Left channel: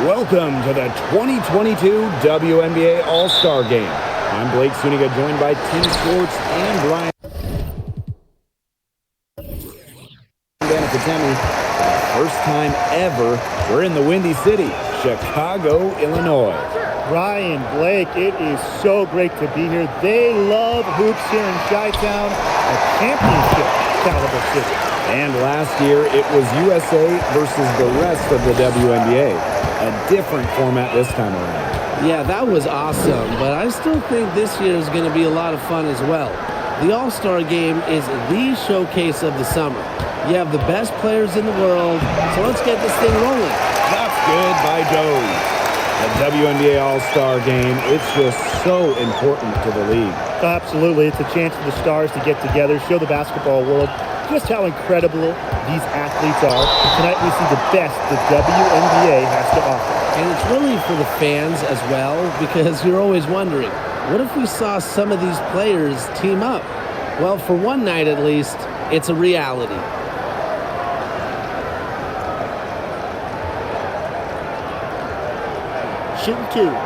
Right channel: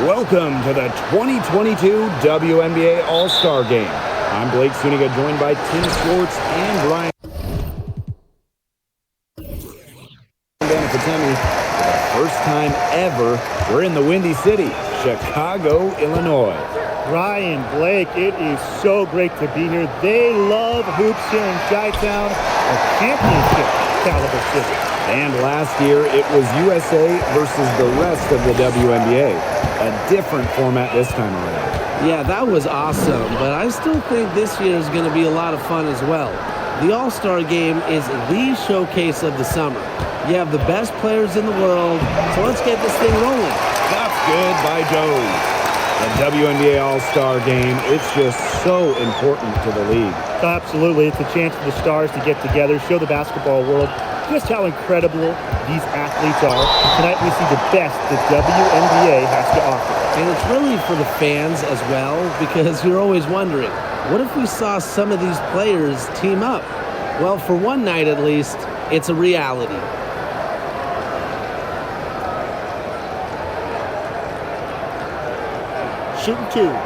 Welcome to the 2022 WNBA All-Star Game. I'm Blake Suniga, joined by Tim Schwartz and Brian Banafitemi. For the first time ever, we're in the Windy City, Chicago, Illinois. Ryan, Blake, it is so great to be here. They love hoops here in Chi-Town, a championship caliber city. And last year, it was USA versus the rest of the WNBA. A different format this time around. Yeah, that was awesome, but I still think this year is going to be a lot of fun as well. The All-Star Game is the showcase of the summer. You have the best players in the world, so let's get this thing rolling. Shots good by Jones. The WNBA All-Star Game, it's just so important to the league. Absolutely. It's a chance for the stars to get together, show the basketball world just how incredible these athletes are. Tonight we see the best the WNBA has to offer. And it's really for the fans as well, because you're always wondering, what if we saw some of these players team up? Well, for one night at least, it's a reality. Shooting two.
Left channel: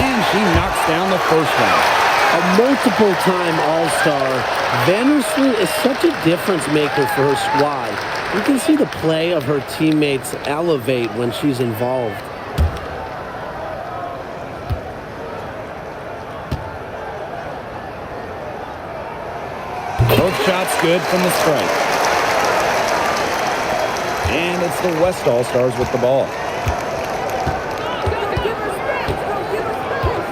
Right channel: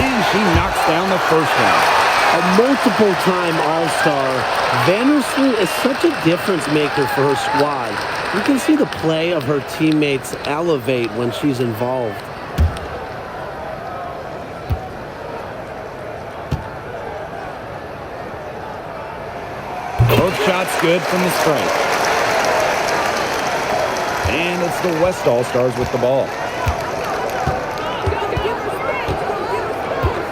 And she knocks down the first one. A multiple-time All-Star, Vandersloot is such a difference maker for her squad. You can see the play of her teammates elevate when she's involved. Both shots good from the stripe. And it's the West All-Stars with the ball.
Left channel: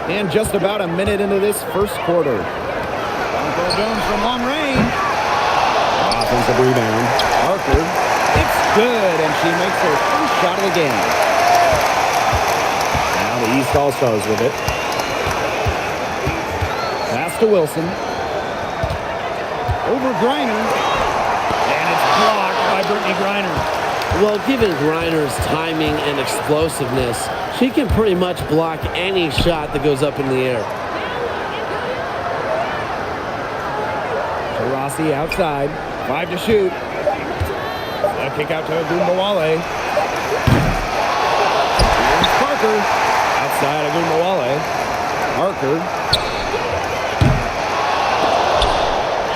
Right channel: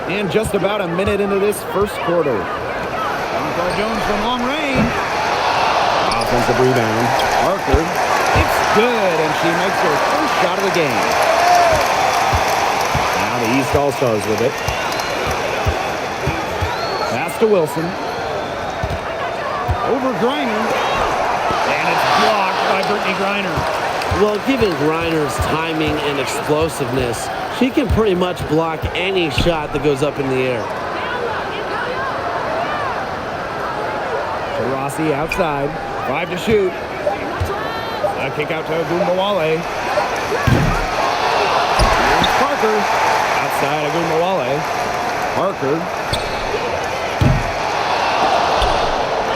And just about a minute into this first quarter. Jonquel Jones from long range. Offensive rebound. Parker. It's good, and she makes her first shot of the game. Now the East All-Stars with it. Pass to Wilson. Over Griner. And it's blocked by Brittany Griner. Well, given Griner's timing and explosiveness, she can pretty much block any shot that goes up in the air. Taurasi outside. 5 to shoot. The kick out to Agumbawale. Here's Parker. Outside Agumbawale. Parker.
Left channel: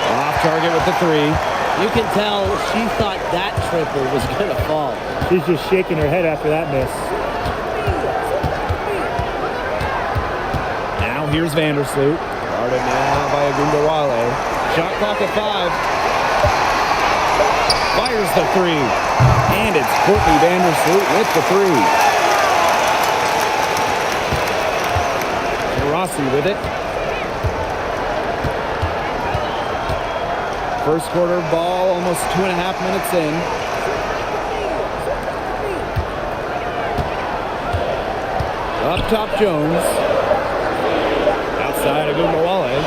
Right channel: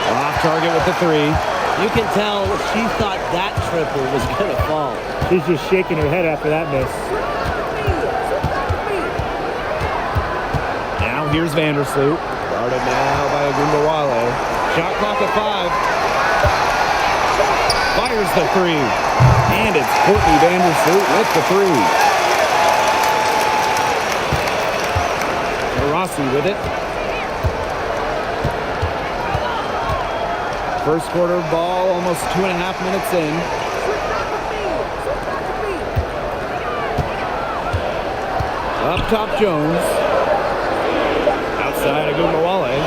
Off target with the three. You can tell she thought that triple was going to fall. She's just shaking her head after that miss. Now here's Vandersloot. Guarded now by Agumbawale. Shot clock at 5. Fires the three. And it's Courtney Vandersloot with the three. Taurasi with it. First quarter ball, almost 2.5 minutes in. Up top, Jones. Outside, Agumbawale.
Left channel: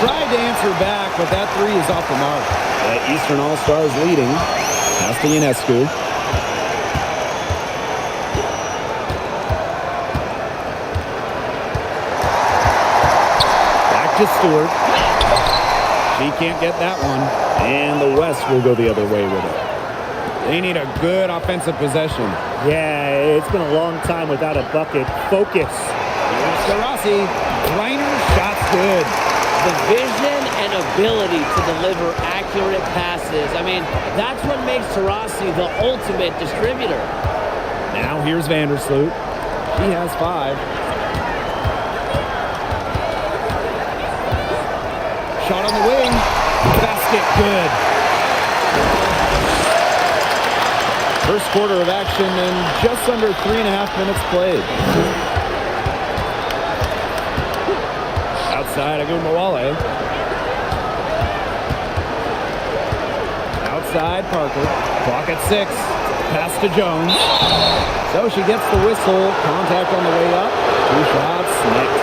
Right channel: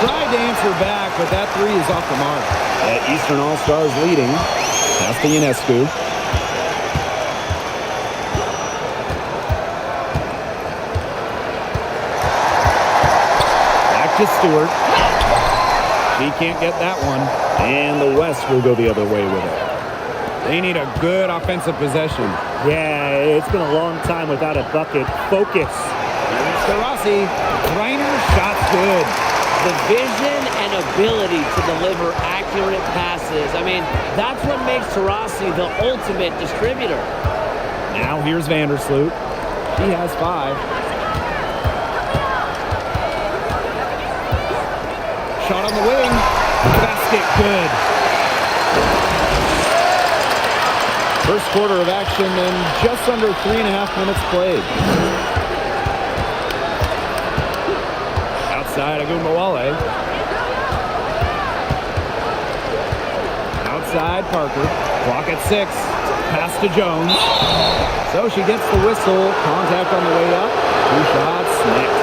Tried to answer back, but that three is off the mark. The Eastern All-Stars leading. Pass to Ionescu. Back to Stewart. She can't get that one. And the West will go the other way with it. They need a good offensive possession. Yeah, it's been a long time without a bucket. Focus. Here's Taurasi. Griner, shots good. The vision and ability to deliver accurate passes. I mean, that's what makes Taurasi the ultimate distributor. Now here's Vandersloot. She has 5. Shot on the wing. Basket good. First quarter of action and just under 3.5 minutes played. Outside Agumbawale. Outside Parker. Clock at 6. Pass to Jones. So she gets the whistle. Contact on the way up. 2 shots next.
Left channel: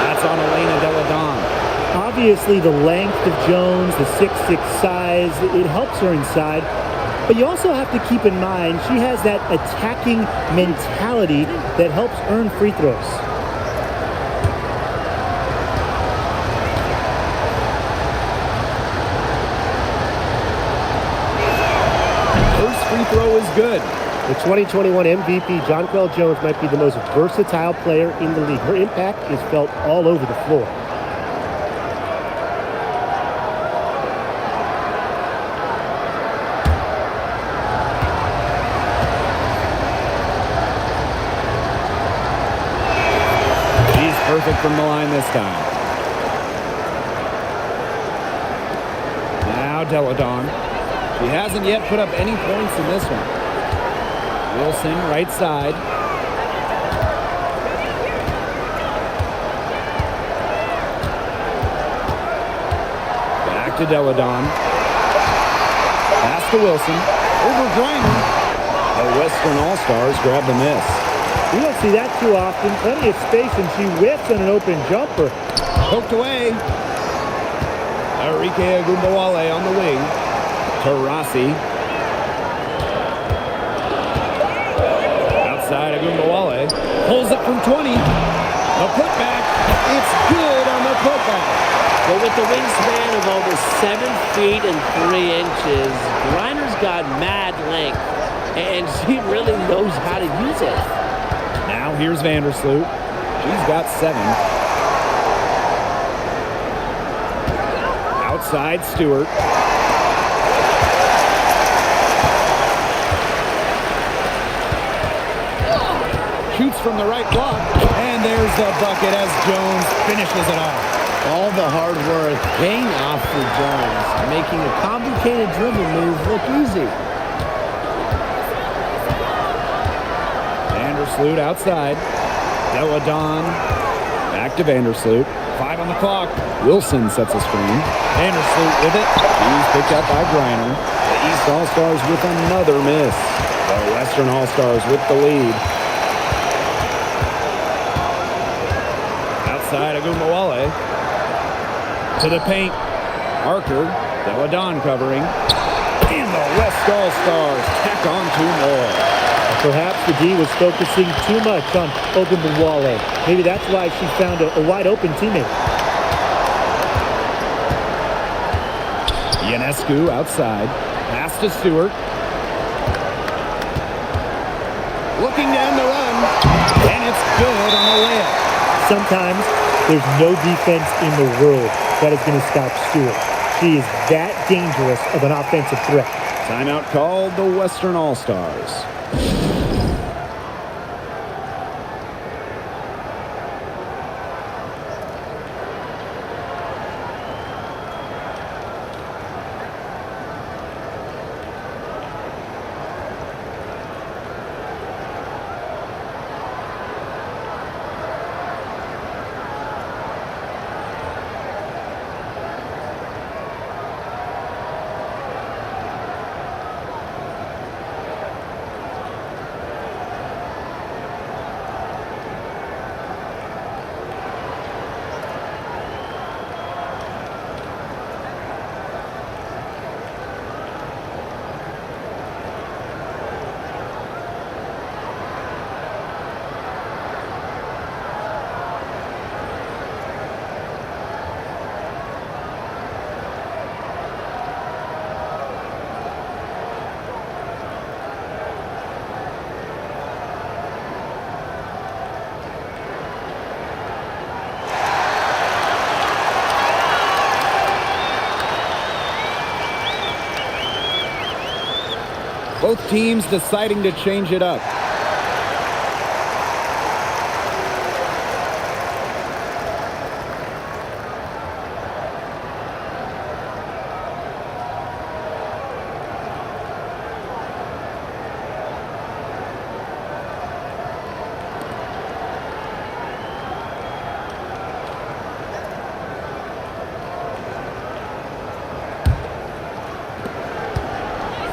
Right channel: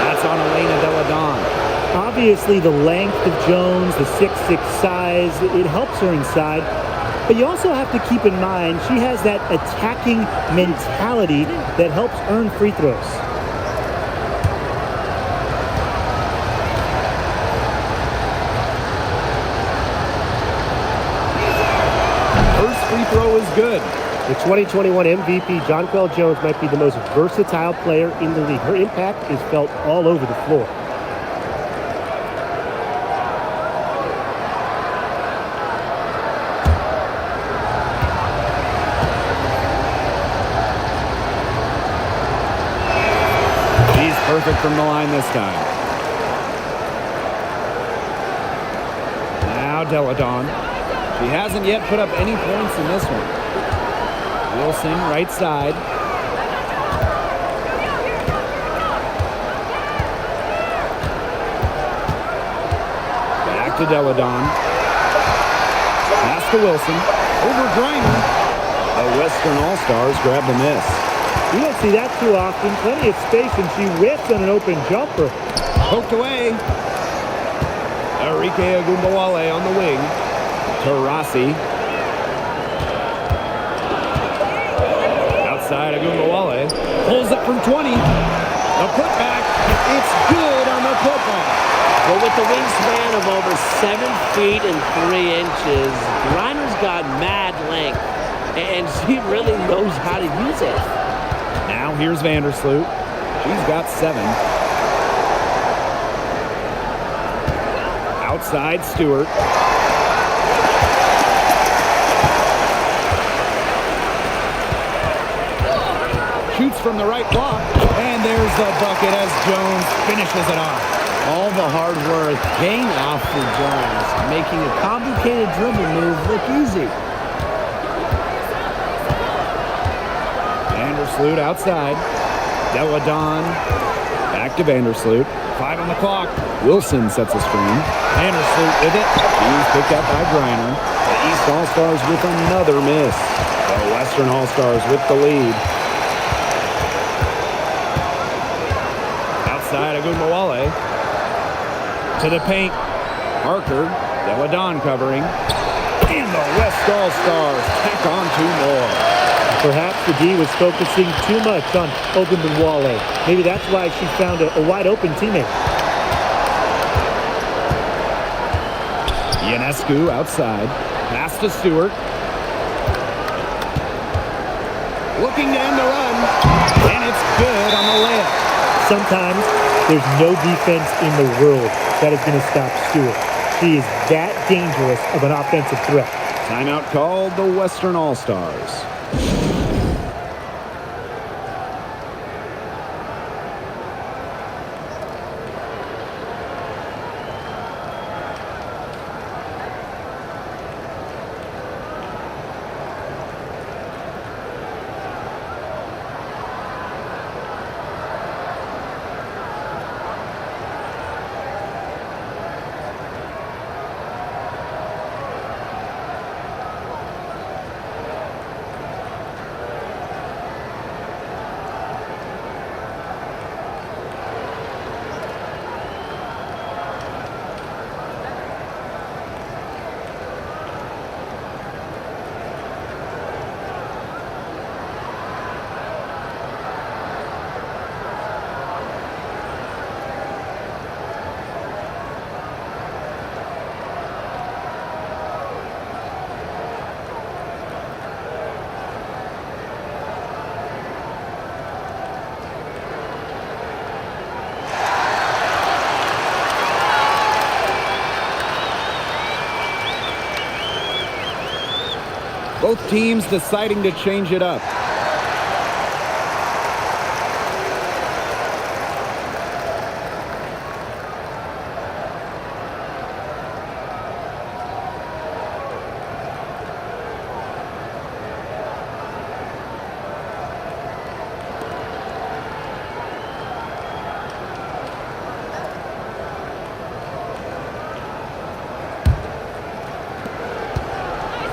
That's on Elena Delle Donne. Obviously, the length of Jones, the 6'6" size, it helps her inside. But you also have to keep in mind she has that attacking mentality that helps earn free throws. free throw is good. The 2021 MVP, Jonquel Jones, might be the most versatile player in the league. Her impact is felt all over the floor. She's perfect from the line this time. Now Deladon. She hasn't yet put up any points in this one. Wilson, right side. Back to Deladon. Pass to Wilson. Over Griner. The Western All-Stars grab the miss. We don't see that too often. Plenty of space, and she whiffs on an open jumper. Poked away. Arike Agumbawale on the wing. Tarasi. Outside Agumbawale. Pulls it from 20. The putback. It's good on the putback. Well, with the wingspan of over 7 feet and 3 inches, Griner's got mad length, and she really knows how to use it. Now here's Vandersloot. She's got 7. Outside Stewart. Shoots from the right block, and there's the bucket as Jones finishes it off. All the hard work paying off for Jones, making a complicated dribble move look easy. Vandersloot outside. Deladon back to Vandersloot. 5 on the clock. Wilson sets a screen. Vandersloot with it. She's picked up by Griner. The East All-Stars with another miss. The Western All-Stars with the lead. Outside Agumbawale. To the paint. Parker. Deladon covering. And the West All-Stars tack on 2 more. Perhaps the D was focusing too much on Ogunbowale. Maybe that's why she found a wide-open teammate. Ionescu outside. Pass to Stewart. Looking to end the run. And it's good on the layup. Sometimes there's no defense in the world that is going to stop Stewart. She is that dangerous of an offensive threat. Timeout called the Western All-Stars. Both teams deciding to change it up.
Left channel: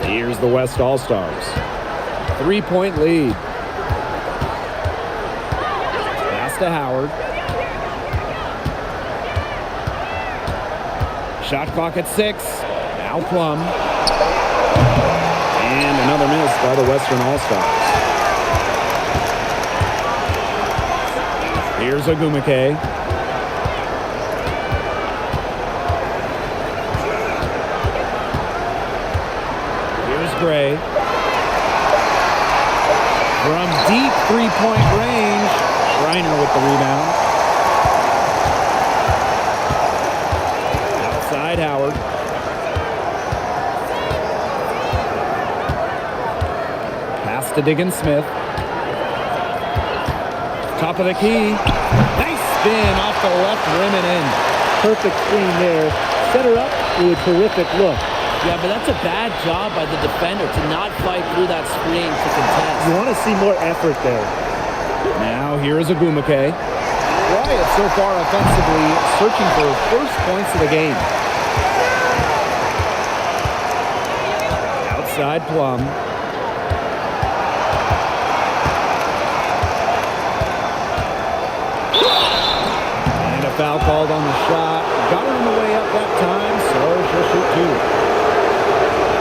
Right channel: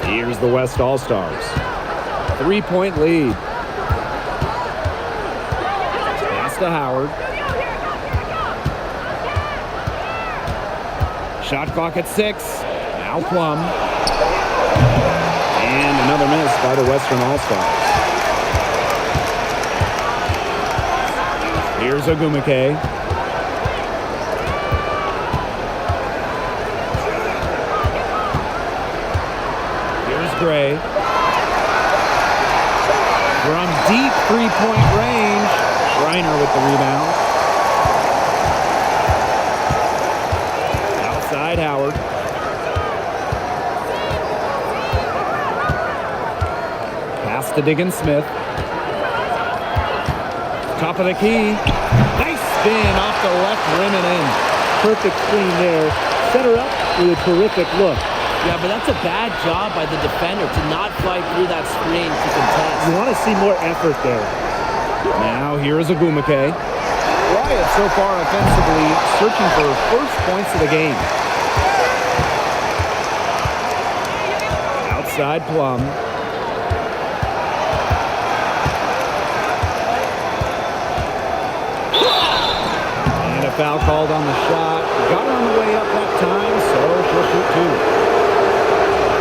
Here's the West All-Stars. 3-point lead. Pass to Howard. Shot clock at 6. Now Plum. And another miss by the Western All-Stars. Here's Ogumake. Here's Gray. From deep three-point range, Reiner with the rebound. Outside Howard. Pass to Diggins-Smith. Top of the key. Nice spin off the left rim and in. Perfect screen there. Set her up with a terrific look. Yeah, but that's a bad job by the defender to not fight through that screen to contest. You want to see more effort there. Now here is Agumake. Wyatt so far offensively searching for first points of the game. Outside Plum. And a foul called on the shot. Got her on the way up that time, so she'll shoot two.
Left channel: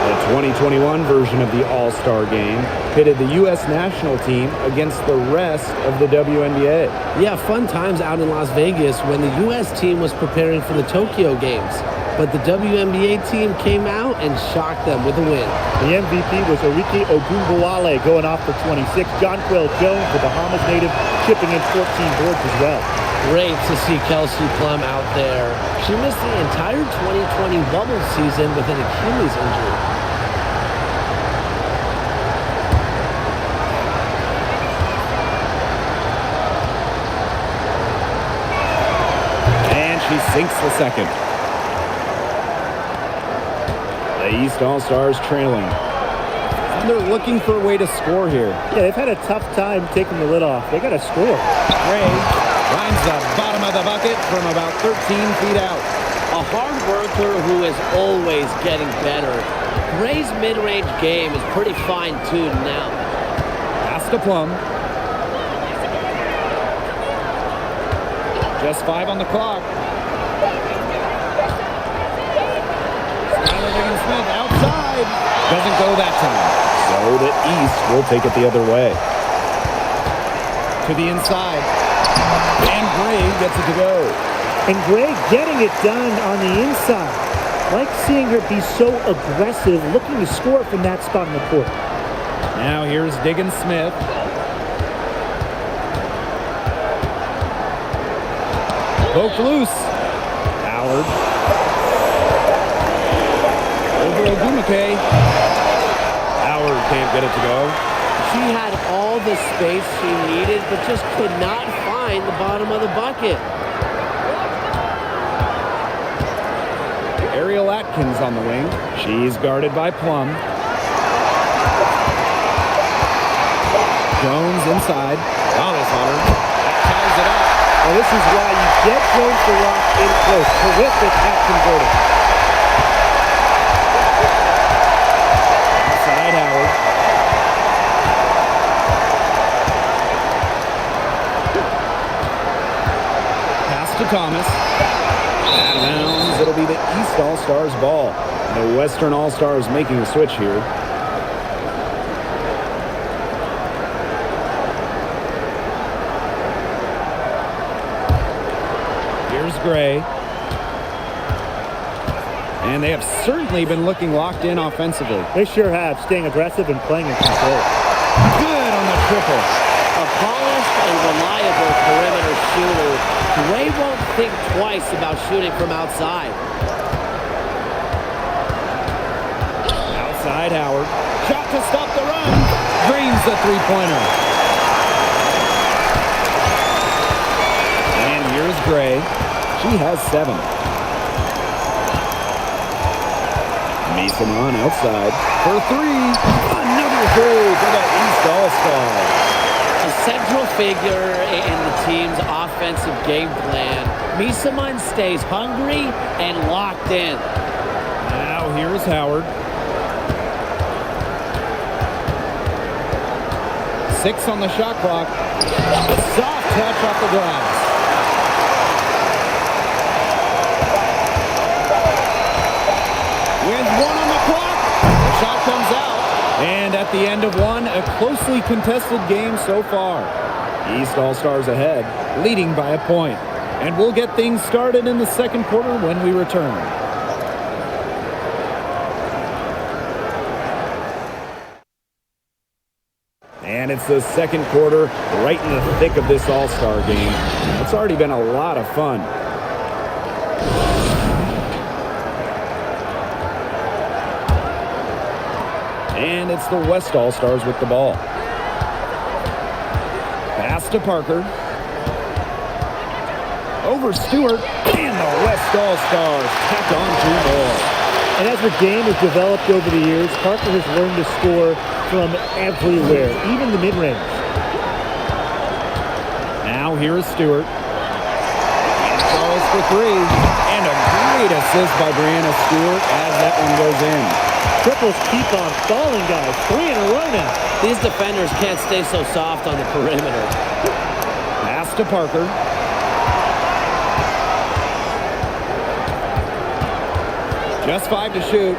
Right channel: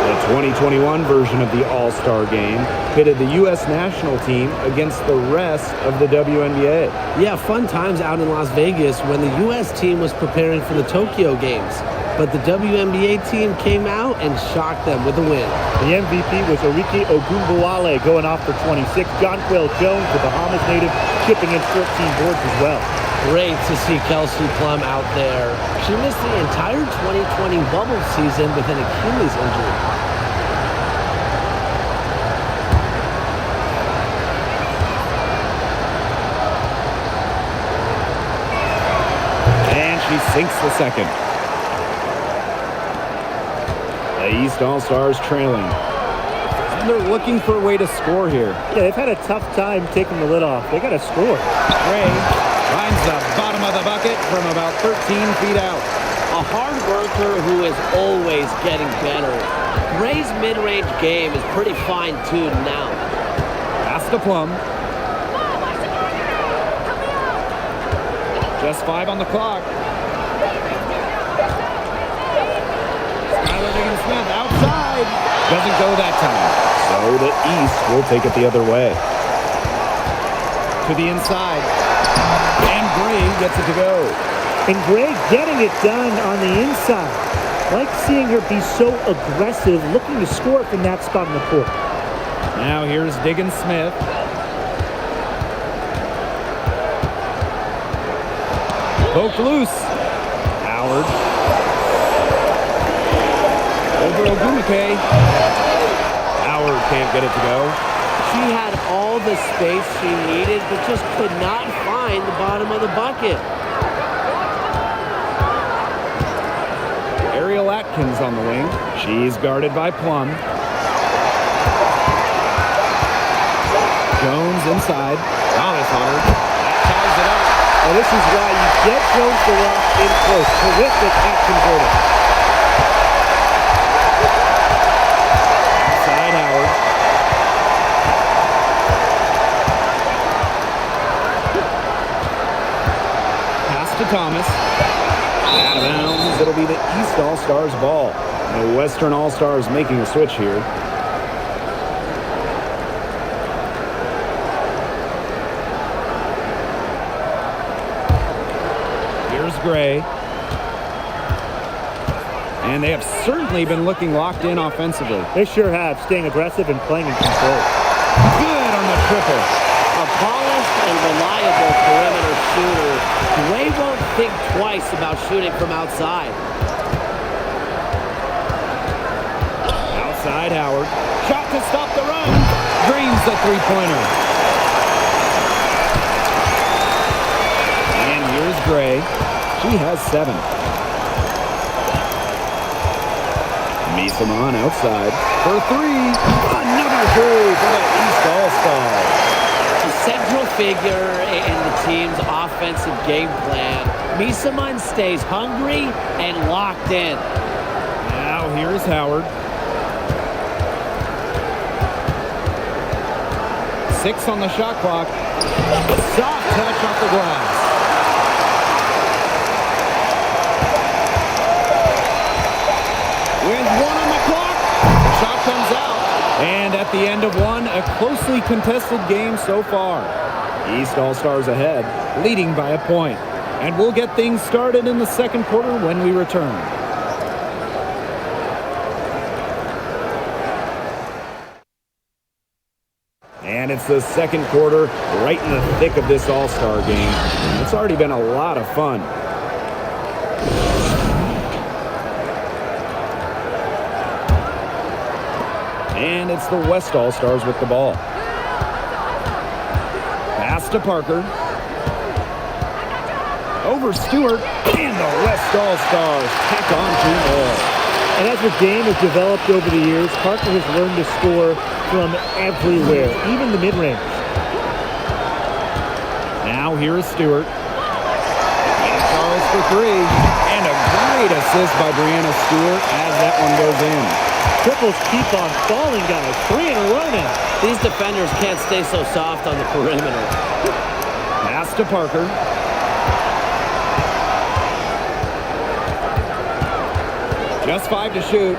The 2021 version of the All-Star Game pitted the U.S. national team against the rest of the WNBA. Yeah, fun times out in Las Vegas when the U.S. team was preparing for the Tokyo Games. But the WNBA team came out and shocked them with a win. The MVP was Orike Ogunbowale going off for 26. Jonquil Jones, the Bahamas native, chipping in 14 boards as well. Great to see Kelsey Plum out there. She missed the entire 2020 bubble season with an Achilles injury. And she sinks the second. The East All-Stars trailing. And they're looking for a way to score here. Yeah, they've had a tough time taking the lid off. They got to score. Gray finds the bottom of the bucket from about 13 feet out. A hard worker who is always getting better. Gray's mid-range game is pretty fine-tuned now. Pass to Plum. Just 5 on the clock. Skylar Diggins-Smith outside. Doesn't go that time. So the East will take it the other way. To the inside. And Gray gets it to go. And Gray getting it done on the inside. Like seeing her be so aggressive, looking to score from that spot in the court. Now here's Diggins-Smith. Poked loose. Howard. Over Ogumake. Howard can't get it to go. She had all the space she needed, but just could not find the bottom of the bucket. Ariel Atkins on the wing. She's guarded by Plum. Jones inside. Thomas on her. That ties it up. Oh, this is why you get Jones to rock in close. Terrific at converting. Outside Howard. Pass to Thomas. Out of bounds. It'll be the East All-Stars ball. The Western All-Stars making a switch here. Here's Gray. And they have certainly been looking locked in offensively. They sure have, staying aggressive and playing in control. Good on the triple. A polished and reliable perimeter shooter. Gray won't think twice about shooting from outside. Outside Howard. Shot to stop the run. Drains the three-pointer. And here's Gray. She has 7. Misaman outside for 3. Another 3 for the East All-Stars. A central figure in the team's offensive game plan. Misaman stays hungry and locked in. Now here's Howard. 6 on the shot clock. Soft touch off the glass. With 1 on the clock, the shot comes out. And at the end of 1, a closely contested game so far. East All-Stars ahead, leading by a point. And we'll get things started in the second quarter when we return. And it's the second quarter, right in the thick of this All-Star game. And it's already been a lot of fun. And it's the West All-Stars with the ball. Pass to Parker. Over Stewart. And the West All-Stars tack on 2 more. And as her game has developed over the years, Parker has learned to score from everywhere, even the mid-range. Now here is Stewart. Tina Charles for 3. And a great assist by Brianna Stewart as that one goes in. Triples keep on falling, guys. 3 in a row now. These defenders can't stay so soft on the perimeter. Pass to Parker. Just 5 to shoot.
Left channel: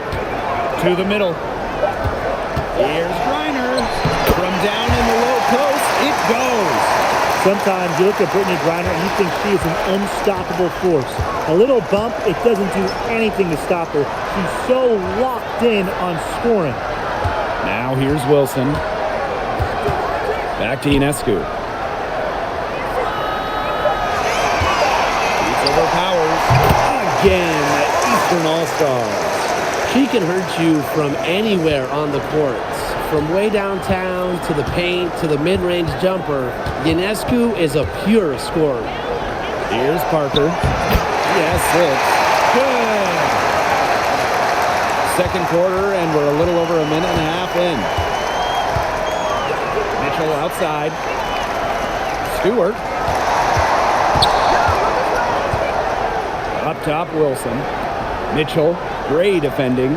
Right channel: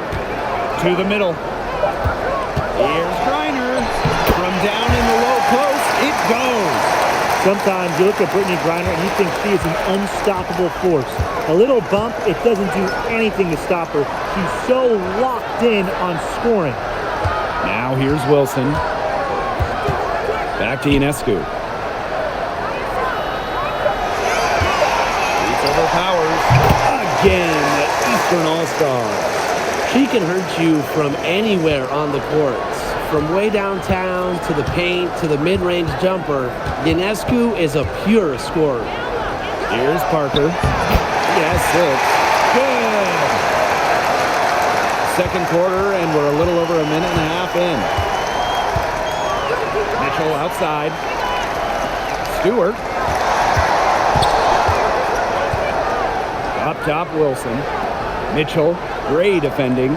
To the middle. Here's Griner. From down in the low post, it goes. Sometimes you look at Brittany Griner and you think she is an unstoppable force. A little bump, it doesn't do anything to stop her. She's so locked in on scoring. Now here's Wilson. Back to Ionescu. Beats over Powers. Again, the Eastern All-Stars. She can hurt you from anywhere on the courts. From way downtown to the paint to the mid-range jumper, Ionescu is a pure scorer. Here's Parker. He has 6. Good. Second quarter, and we're a little over a minute and a half in. Mitchell outside. Stewart. Up top, Wilson. Mitchell, Gray defending.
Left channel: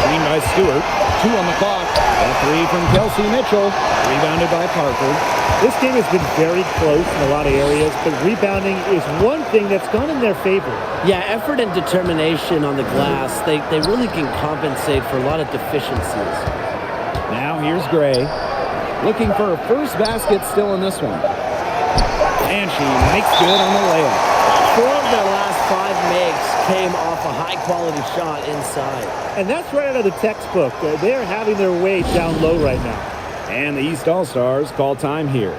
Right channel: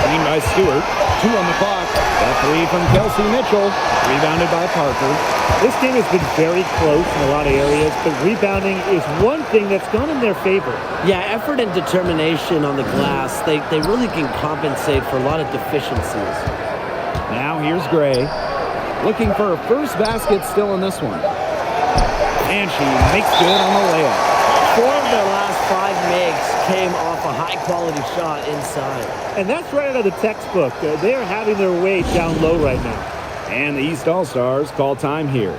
Screen by Stewart. 2 on the clock. The 3 from Kelsey Mitchell. Rebounded by Parker. This game has been very close in a lot of areas, but rebounding is one thing that's gone in their favor. Yeah, effort and determination on the glass, they really can compensate for a lot of deficiencies. Now here's Gray. Looking for her first basket still in this one. And she makes good on the layup. 4 of their last 5 makes came off a high-quality shot inside. And that's right out of the textbook. They are having their way down low right now. And the East All-Stars call time here.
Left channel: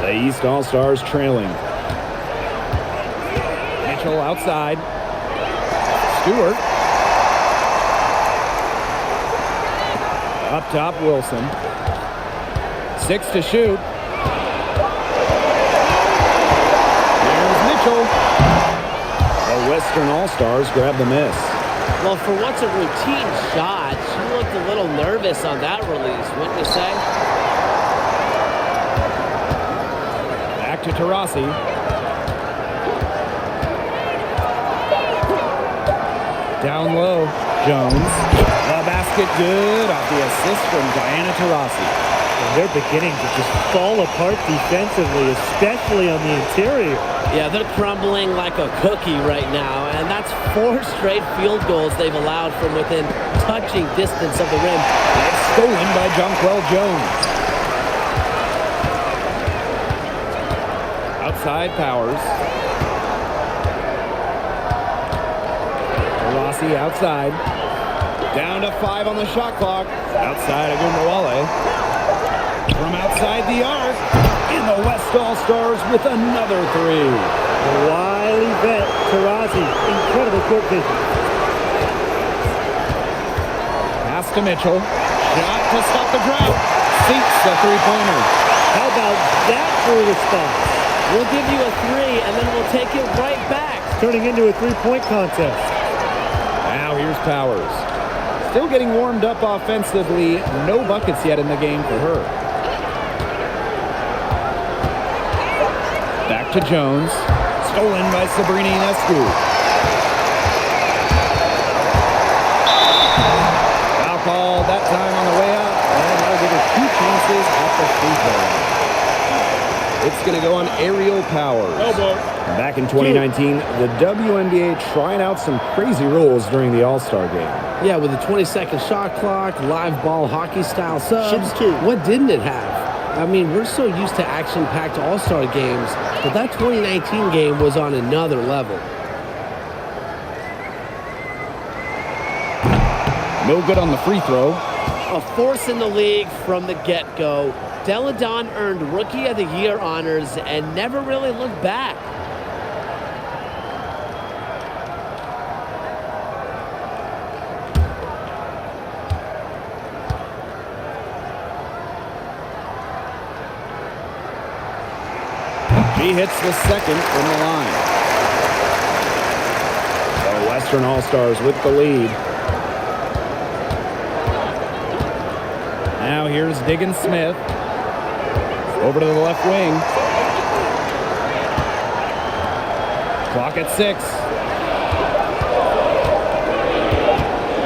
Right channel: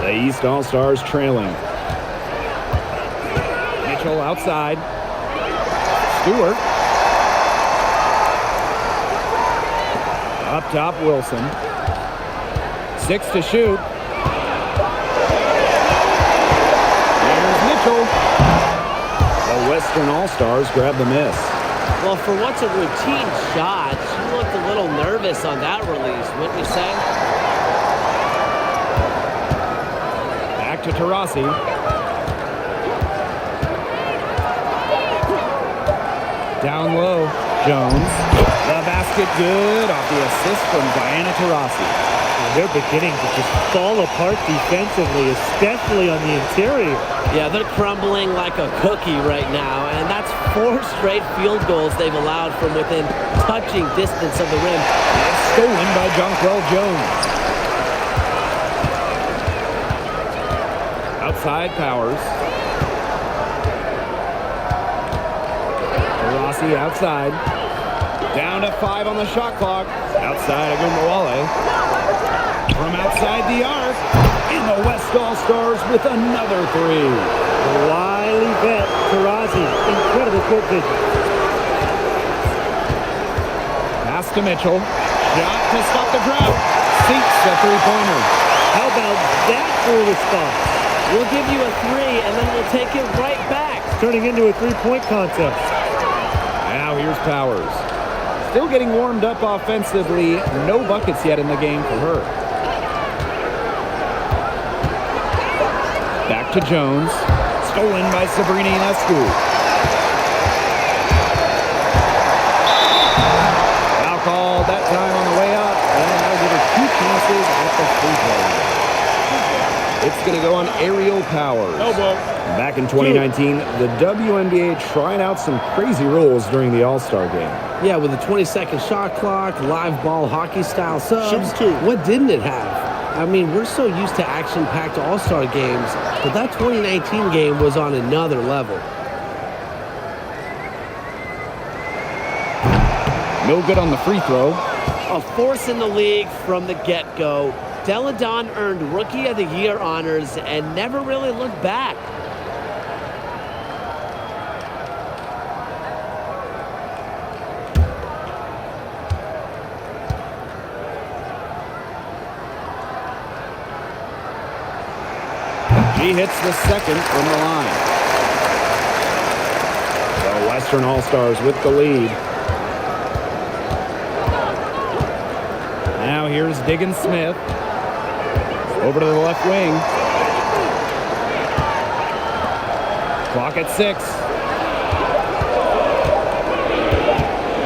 The East All-Stars trailing. Mitchell outside. Stewart. Up top, Wilson. 6 to shoot. Here's Mitchell. The Western All-Stars grab the miss. Well, for what's a routine shot, she looked a little nervous on that release, wouldn't you say? Back to Taurasi. Down low, Jones. The basket good off the assist from Diana Taurasi. And they're beginning to just fall apart defensively, especially on the interior. Yeah, they're crumbling like a cookie right now, and that's 4 straight field goals they've allowed from within touching distance of the rim. It's stolen by Jonquel Jones. Outside Powers. Rossi outside. Down to 5 on the shot clock. Outside Agumbawale. From outside the arc. And the West All-Stars with another 3. The wily vet, Taurasi, incredible court vision. Pass to Mitchell. Shot to stop the drought. Sinks the three-pointer. How about that for a response? We'll give you a 3, and then we'll take it right back. Turning into a three-point contest. Now here's Powers. Still getting warmed up offensively. No buckets yet in the game for her. Back to Jones. Stolen by Sabrina Ionescu. Foul called that time on the way up, and that'll give her 2 chances at the free throw line. It's going to go on Aerial Powers. Back in 2019, the WNBA tried out some crazy rules during the All-Star game. Yeah, with a 20-second shot clock, live ball hockey-style subs. Shoot. What didn't it have? I mean, we're so used to action-packed All-Star games, but that 2019 game was on another level. No good on the free throw. A force in the league from the get-go. Deladon earned Rookie of the Year honors and never really looked back. She hits the second from the line. The Western All-Stars with the lead. Now here's Diggins Smith. Over to the left wing. Clock at 6.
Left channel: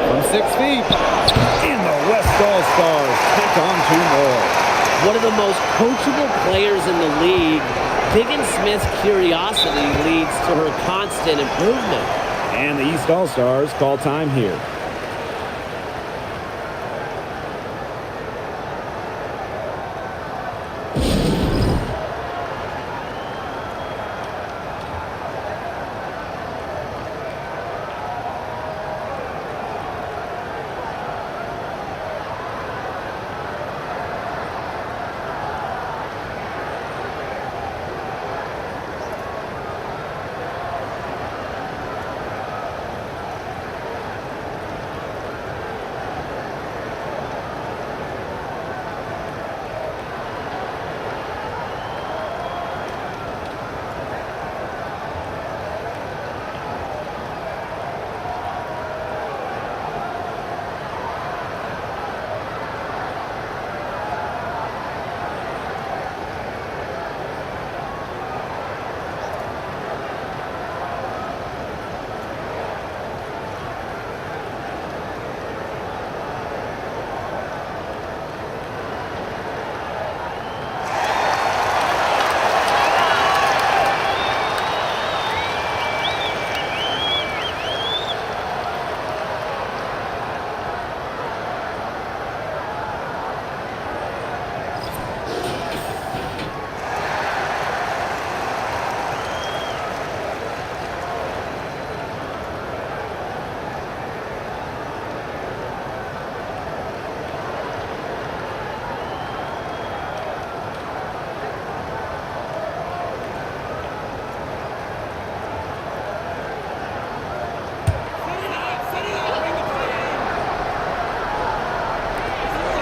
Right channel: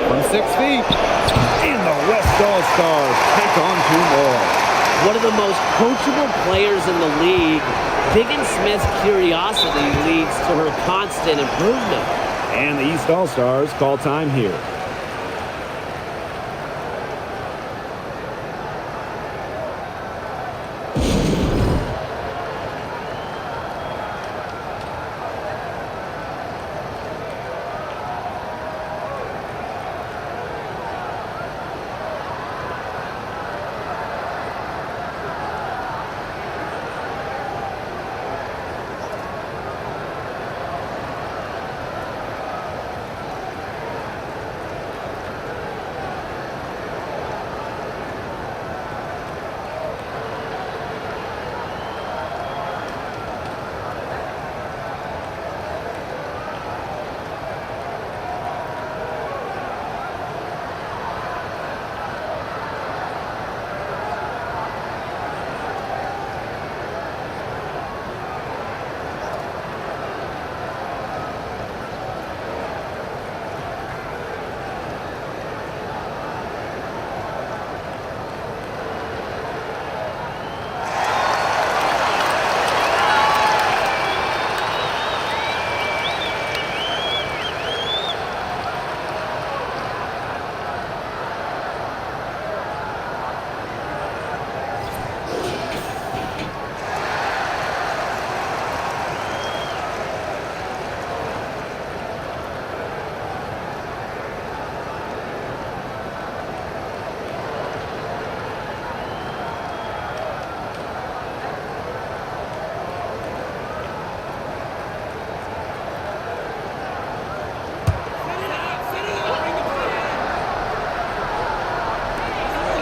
From 6 feet. And the West All-Stars tack on 2 more. One of the most coachable players in the league, Diggins Smith's curiosity leads to her constant improvement. And the East All-Stars call time here.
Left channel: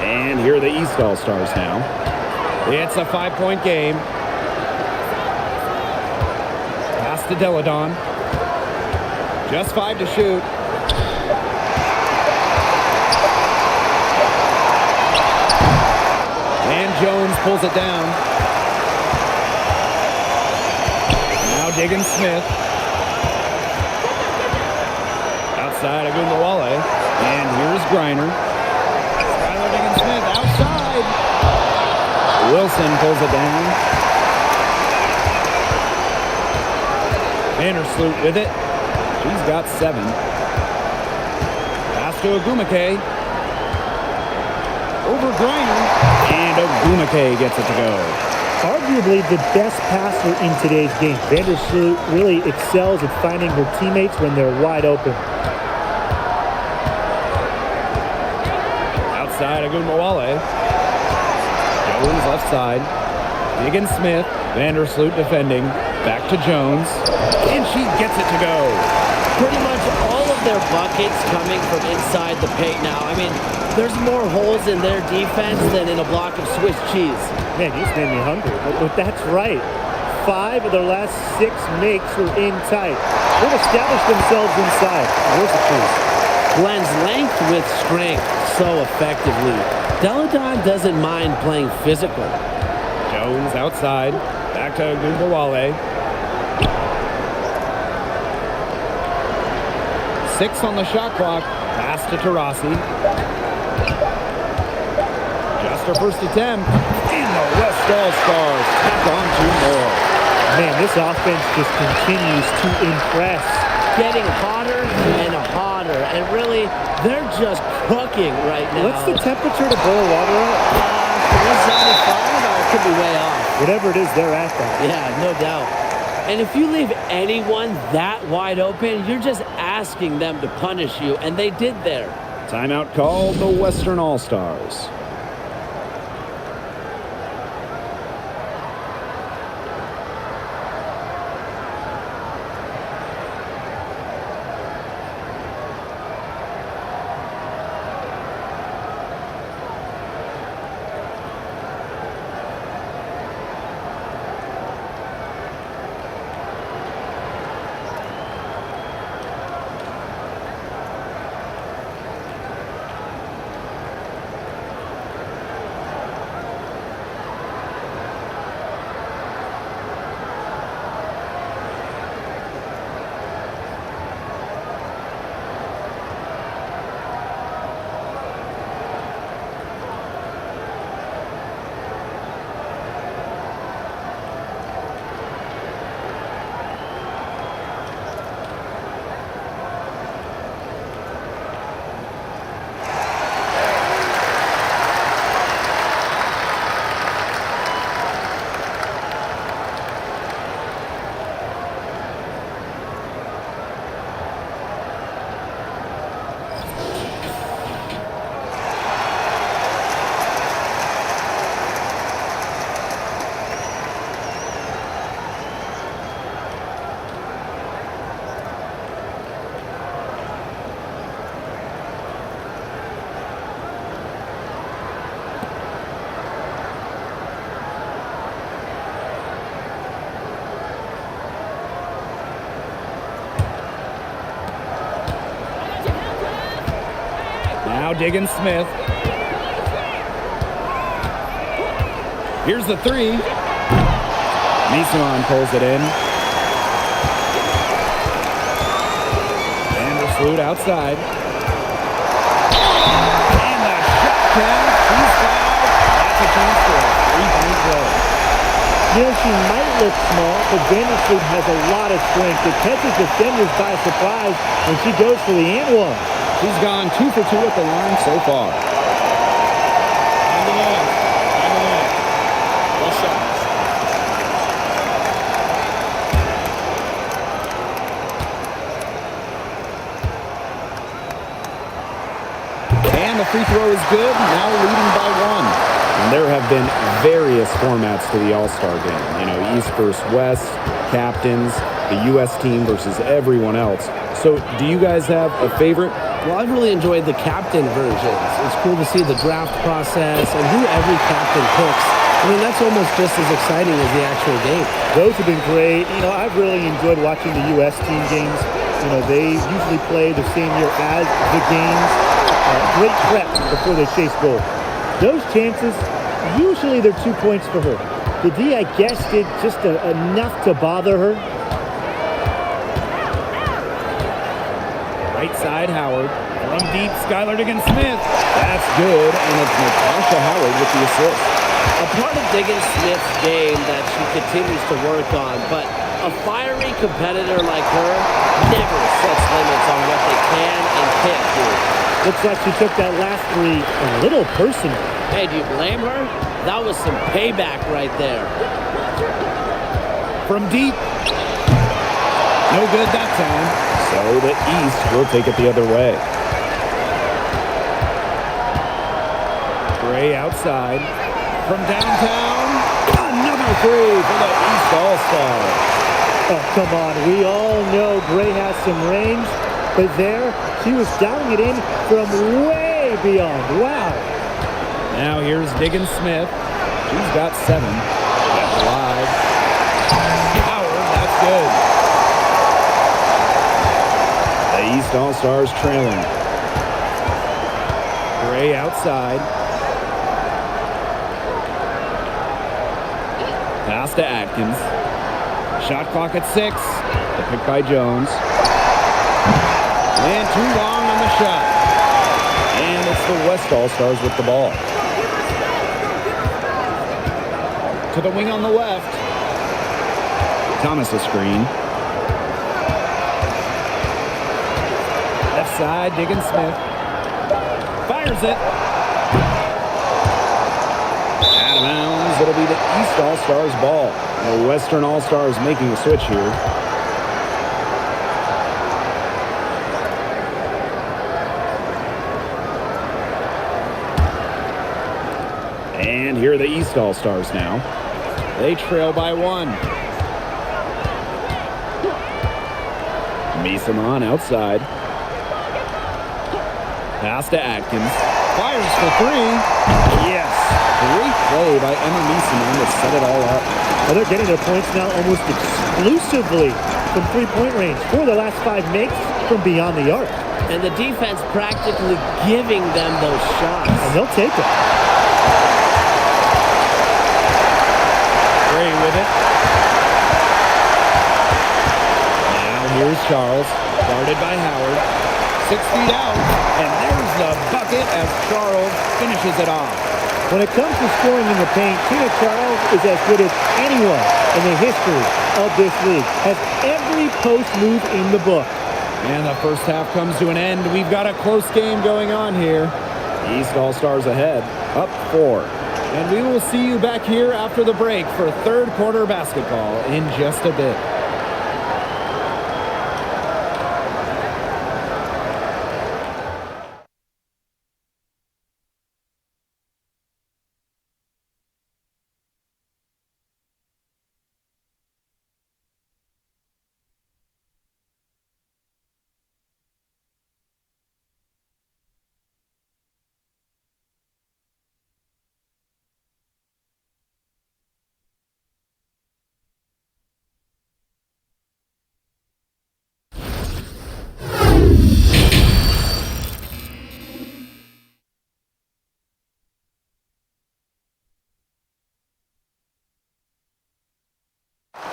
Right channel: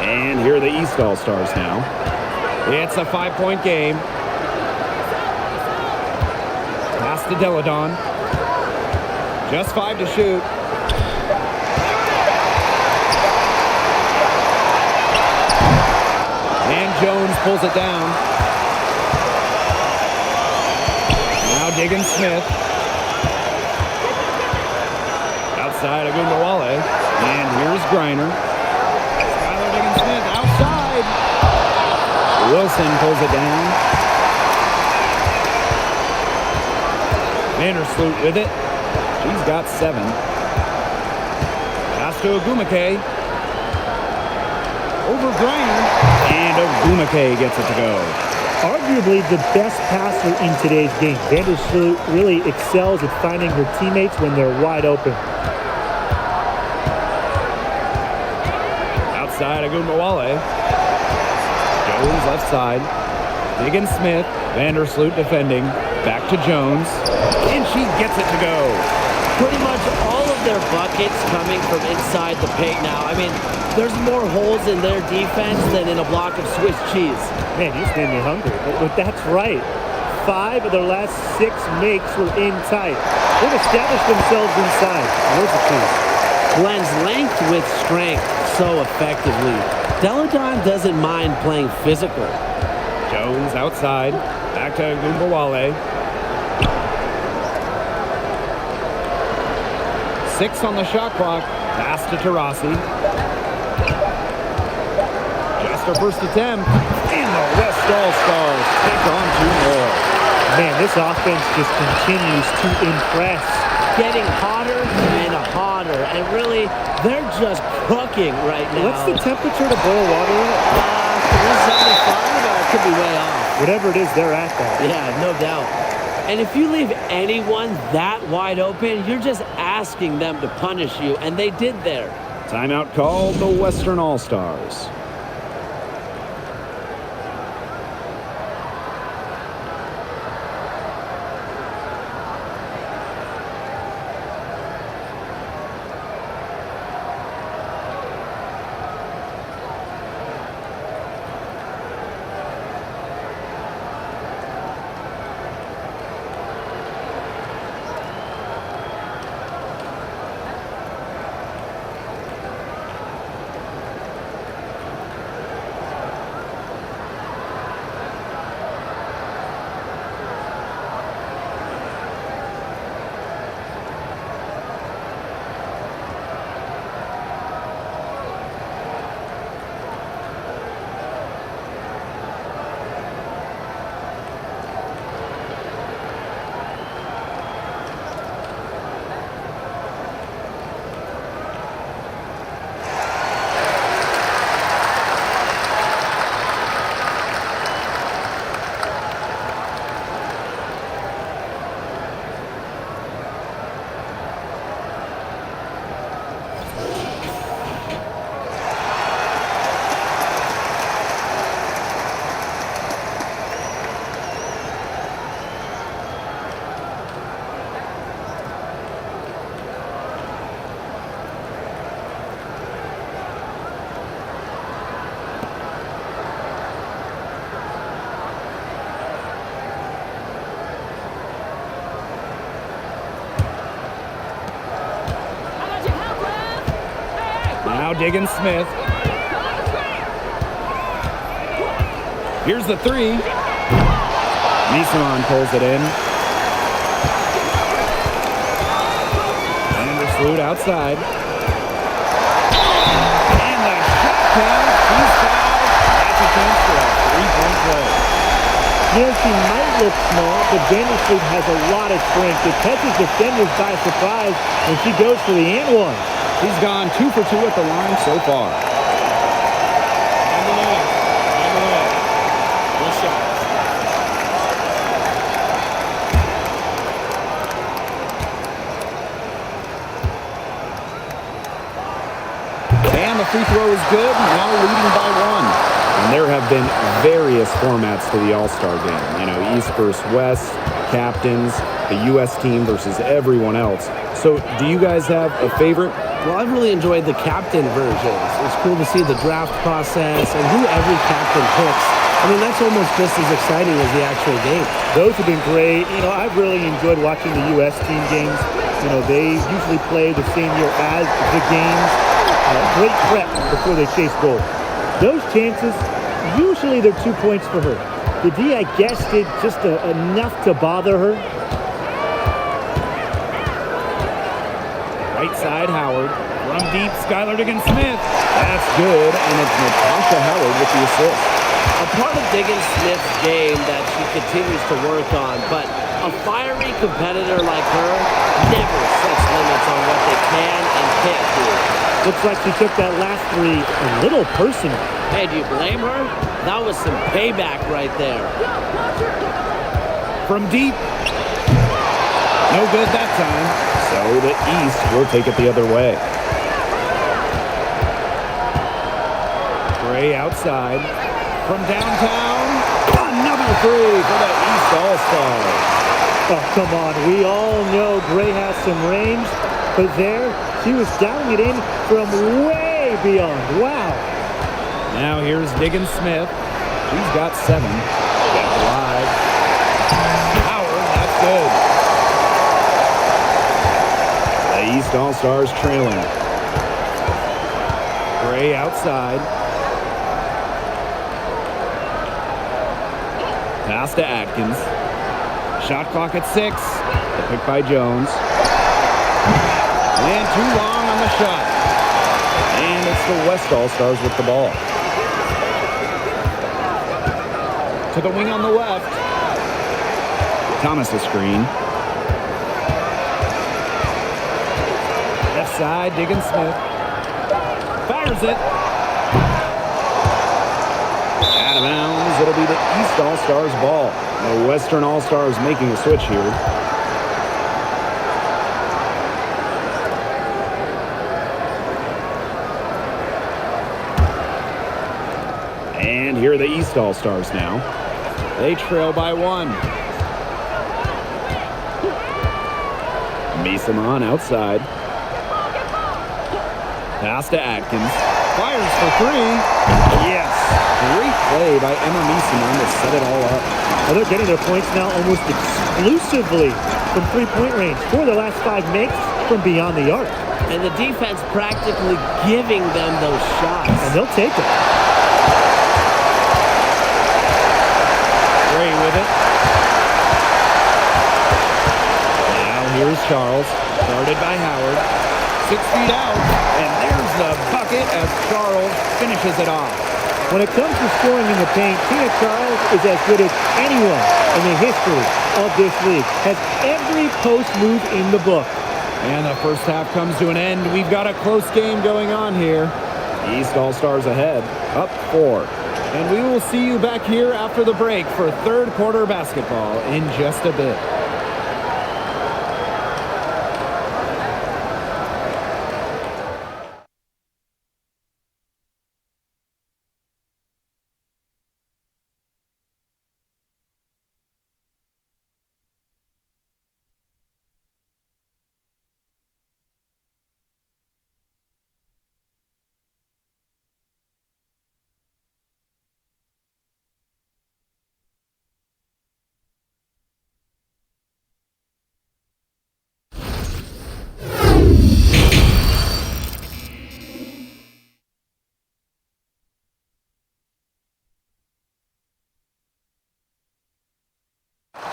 And here are the East All-Stars now. It's a 5-point game. Pass to Deladon. Just 5 to shoot. And Jones pulls it down. Now Diggins Smith. Outside Agumbawale. And here's Griner. Diggins Smith outside. Wilson pulls it down. Vandersloot with it. She's got 7. Pass to Ogumake. Over Griner. And Ogumake gets it to go. Arguably the best passer in today's game. Vandersloot really excels at finding her teammates when they're wide open. Outside Agumbawale. Jones left side. Diggin Smith. Vandersloot defending. Back to Jones. And she gets it to go. Pretty much all of their buckets coming from inside the paint now. I mean, there's more holes in their defense than in a block of Swiss cheese. Man, you just made me hungry, but that's right. 5 of their last 6 makes were in tight. They've established themselves inside. Where's the cheese? Blends length with strength so effectively. Deladon doesn't mind playing physical. Jones outside. Back to Agumbawale. 6 on the shot clock. Pass to Taurasi. Just her first attempt. And the West All-Stars tack on 2 more. Man, this offense just continues to impress. Getting hotter and hotter. And really, they're just cooking right now. What's the temperature to boil water at? 375? I could be way off. Whatever it is, they're at that. Yeah, no doubt. And if you leave anyone that wide open, you're just asking them to punish you. And they did there. Timeout called the Western All-Stars. Now Diggin Smith. Here's the 3. Nisaman pulls it in. Vandersloot outside. And the shot count. She's fouled. That's a chance for a 3-point play. You know, she might look small, but Vandersloot has a lot of strength. It catches defenders by surprise when she goes for the and one. She's gone 2 for 2 at the line so far. Find the lane. Find the lane. One shot. And the free throw is good, now leading by 1. And there have been various formats to the All-Star game. You know, East versus West, captains, the U.S. team versus everyone else. So do you guys have a favorite? Well, I've really enjoyed the captain versions. It's cool to see the draft process and who every captain picks. I mean, that's almost just as exciting as the actual game. Those have been great. You know, I've really enjoyed watching the U.S. team games. You know, they usually play the same year as the games. Great prep before they chase goal. Those chances, usually they're 2 points for her. The D, I guess, did just enough to bother her. Right side, Howard. From deep, Skylar Diggin Smith. That's good, and it's Natasha Howard with the assist. A part of Diggins Smith's game that she continues to work on, but a fiery competitor like her never sets limits on what they can and can't do. Looks like she took that last three a little personal. Hey, do you blame her? That was some payback right there. From deep. No good that time. So the East will take it the other way. Gray outside. From downtown, another three for the East All-Stars. Oh, come on. We all know Gray has some range, but there she was dialing it in from way beyond. Wow. Now here's Diggins Smith. She's got 7. Kept alive. Howard, that's good. The East All-Stars trailing. Gray outside. Pass to Atkins. Shot clock at 6. The pick by Jones. And too long on the shot. And it's the West All-Stars with the ball. To the wing on the left. Thomas a screen. Left side, Diggins Smith. Fires it. Out of bounds. It'll be the East All-Stars ball. The Western All-Stars making a switch here. And here are the East All-Stars now. They trail by 1. Misamon outside. Pass to Atkins. Fires for 3. Yes. Great play by Emma Misamon to set it all up. Well, they're getting their points now almost exclusively from three-point range. 4 of the last 5 makes from beyond the arc. And the defense practically giving them those shots. And they'll take them. Gray with it. Now here's Charles. Guarded by Howard. 6 feet out. And there's the bucket as Charles finishes it off. When it comes to scoring in the paint, Tina Charles is as good as anyone in the history of this league. Has every post move in the book. And the first half comes to an end. We've got a close game going on here. East All-Stars ahead, up 4. And we will see you back here after the break for third quarter basketball in just a bit.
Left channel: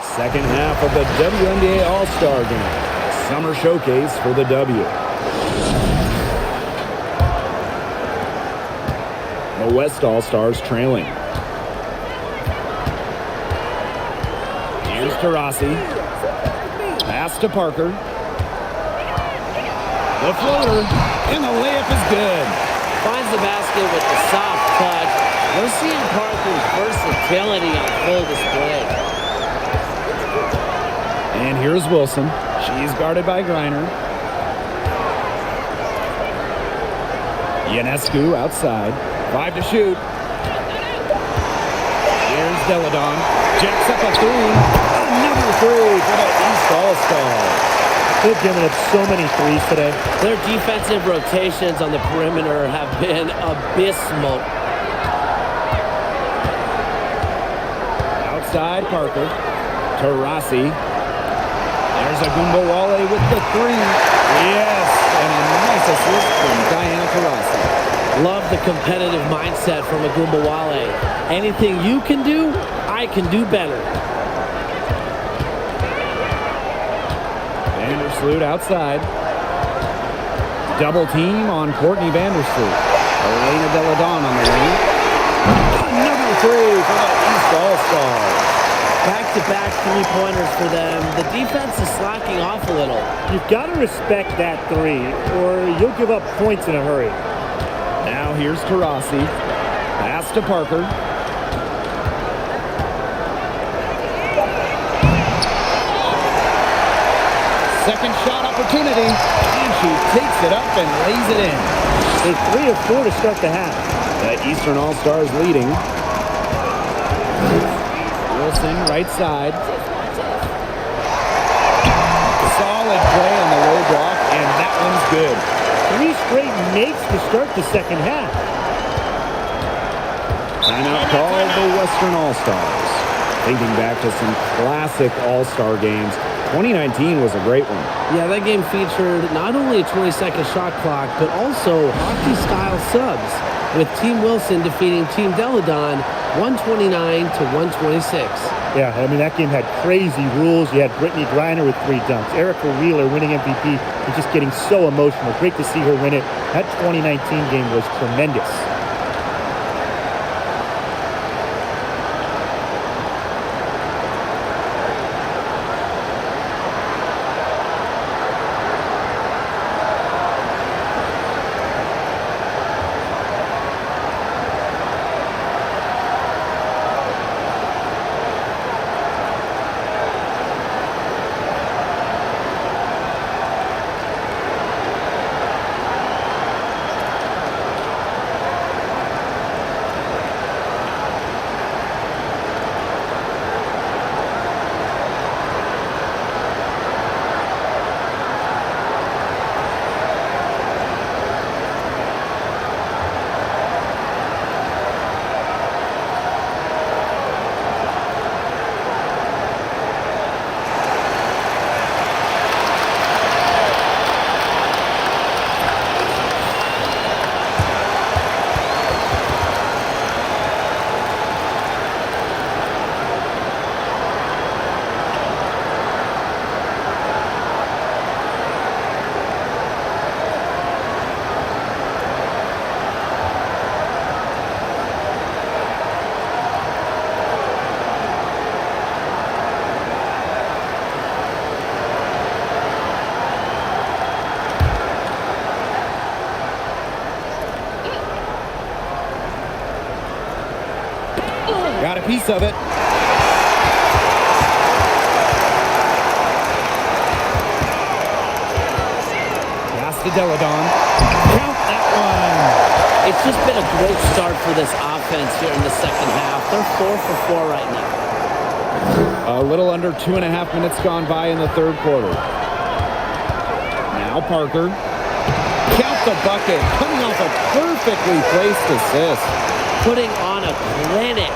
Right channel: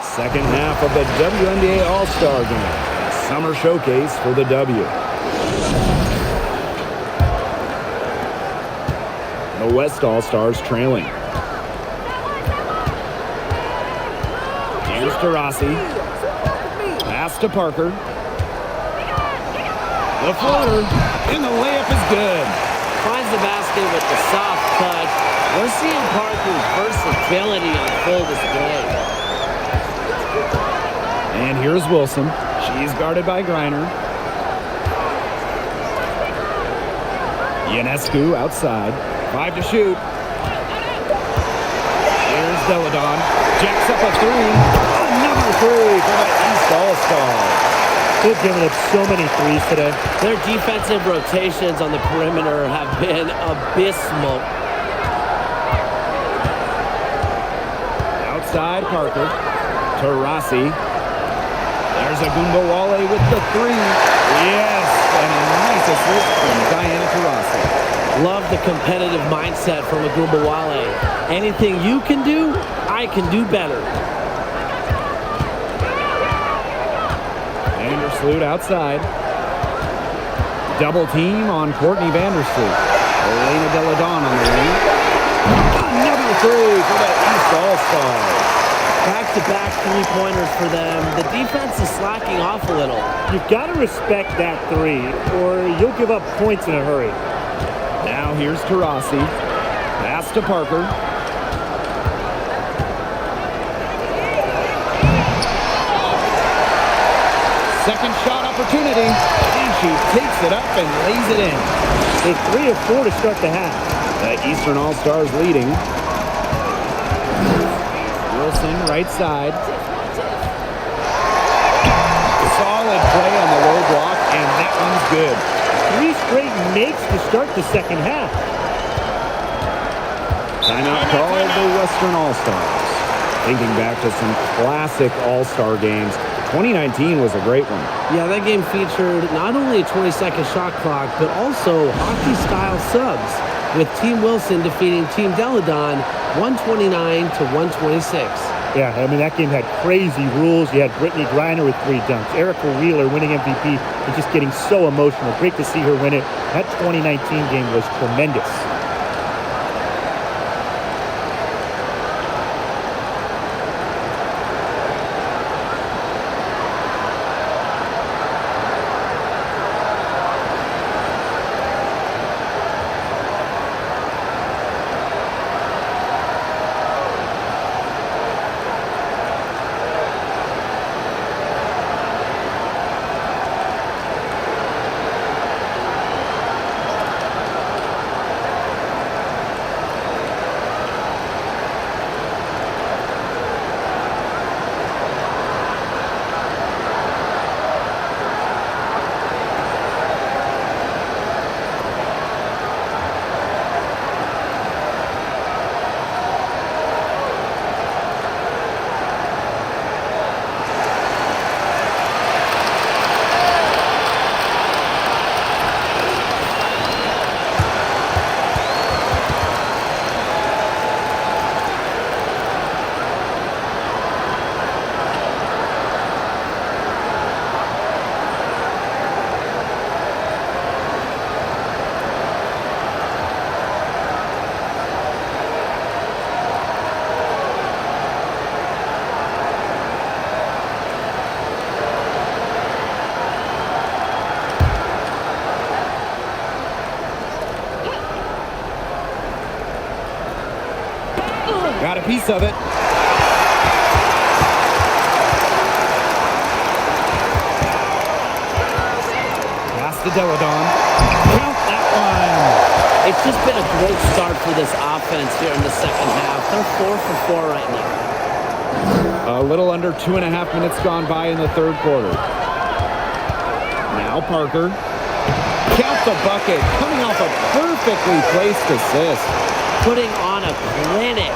Second half of the WNBA All-Star Game, a summer showcase for the W. The West All-Stars trailing. Here's to Rossi. Pass to Parker. The floater, and the layup is good. Finds the basket with the soft touch. We're seeing Parker's versatility on full display. And here's Wilson. She's guarded by Griner. Ionescu outside. 5 to shoot. Here's Deladon. Jacks up a 3. Another 3 for the East All-Stars. They've given up so many threes today. Their defensive rotations on the perimeter have been abysmal. Outside Parker. To Rossi. There's Agumbawale with the 3. Yes, and a nice assist from Diana Taurasi. Love the competitive mindset from Agumbawale. Anything you can do, I can do better. Vandersloot outside. Double team on Courtney Vandersloot. Elena Deladon on the wing. Another three for the East All-Stars. Back-to-back three-pointers for them. The defense is slacking off a little. You've got to respect that three, or you'll give up points in a hurry. Now here's Taurasi. Pass to Parker. Second shot opportunity, and she takes it up and lays it in. There's 3 of 4 to start the half. The Eastern All-Stars leading. Wilson, right side. Solid play on the low block, and that one's good. 3 straight makes to start the second half. Timeout called the Western All-Stars. Thinking back to some classic All-Star games, 2019 was a great one. Yeah, that game featured not only a 20-second shot clock, but also hockey-style subs, with Team Wilson defeating Team Deladon 129 to 126. Yeah, I mean, that game had crazy rules. You had Brittany Griner with 3 dunks. Erica Wheeler winning MVP and just getting so emotional. Great to see her win it. That 2019 game was tremendous. Got a piece of it. Pass to Deladon. Count that one. It's just been a great start for this offense here in the second half. They're 4 for 4 right now. A little under 2.5 minutes gone by in the third quarter. Now Parker. Count the bucket. Coming off a perfectly placed assist. Putting on a clinic.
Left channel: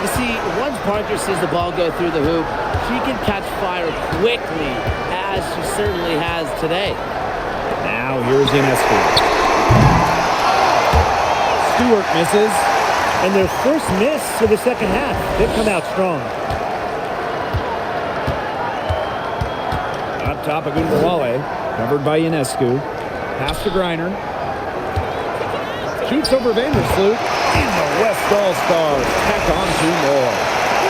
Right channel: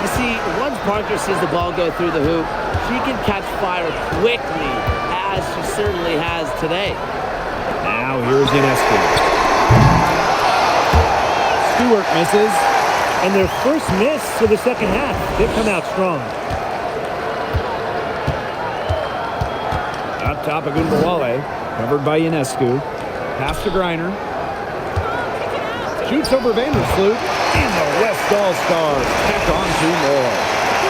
You see, once Parker sees the ball go through the hoop, she can catch fire quickly, as she certainly has today. Now here's Ionescu. Stewart misses. And their first miss of the second half. They come out strong. Up top, Agunbowale, covered by Ionescu. Pass to Griner. Shoots over Vandersloot. And the West All-Stars tack on 2 more.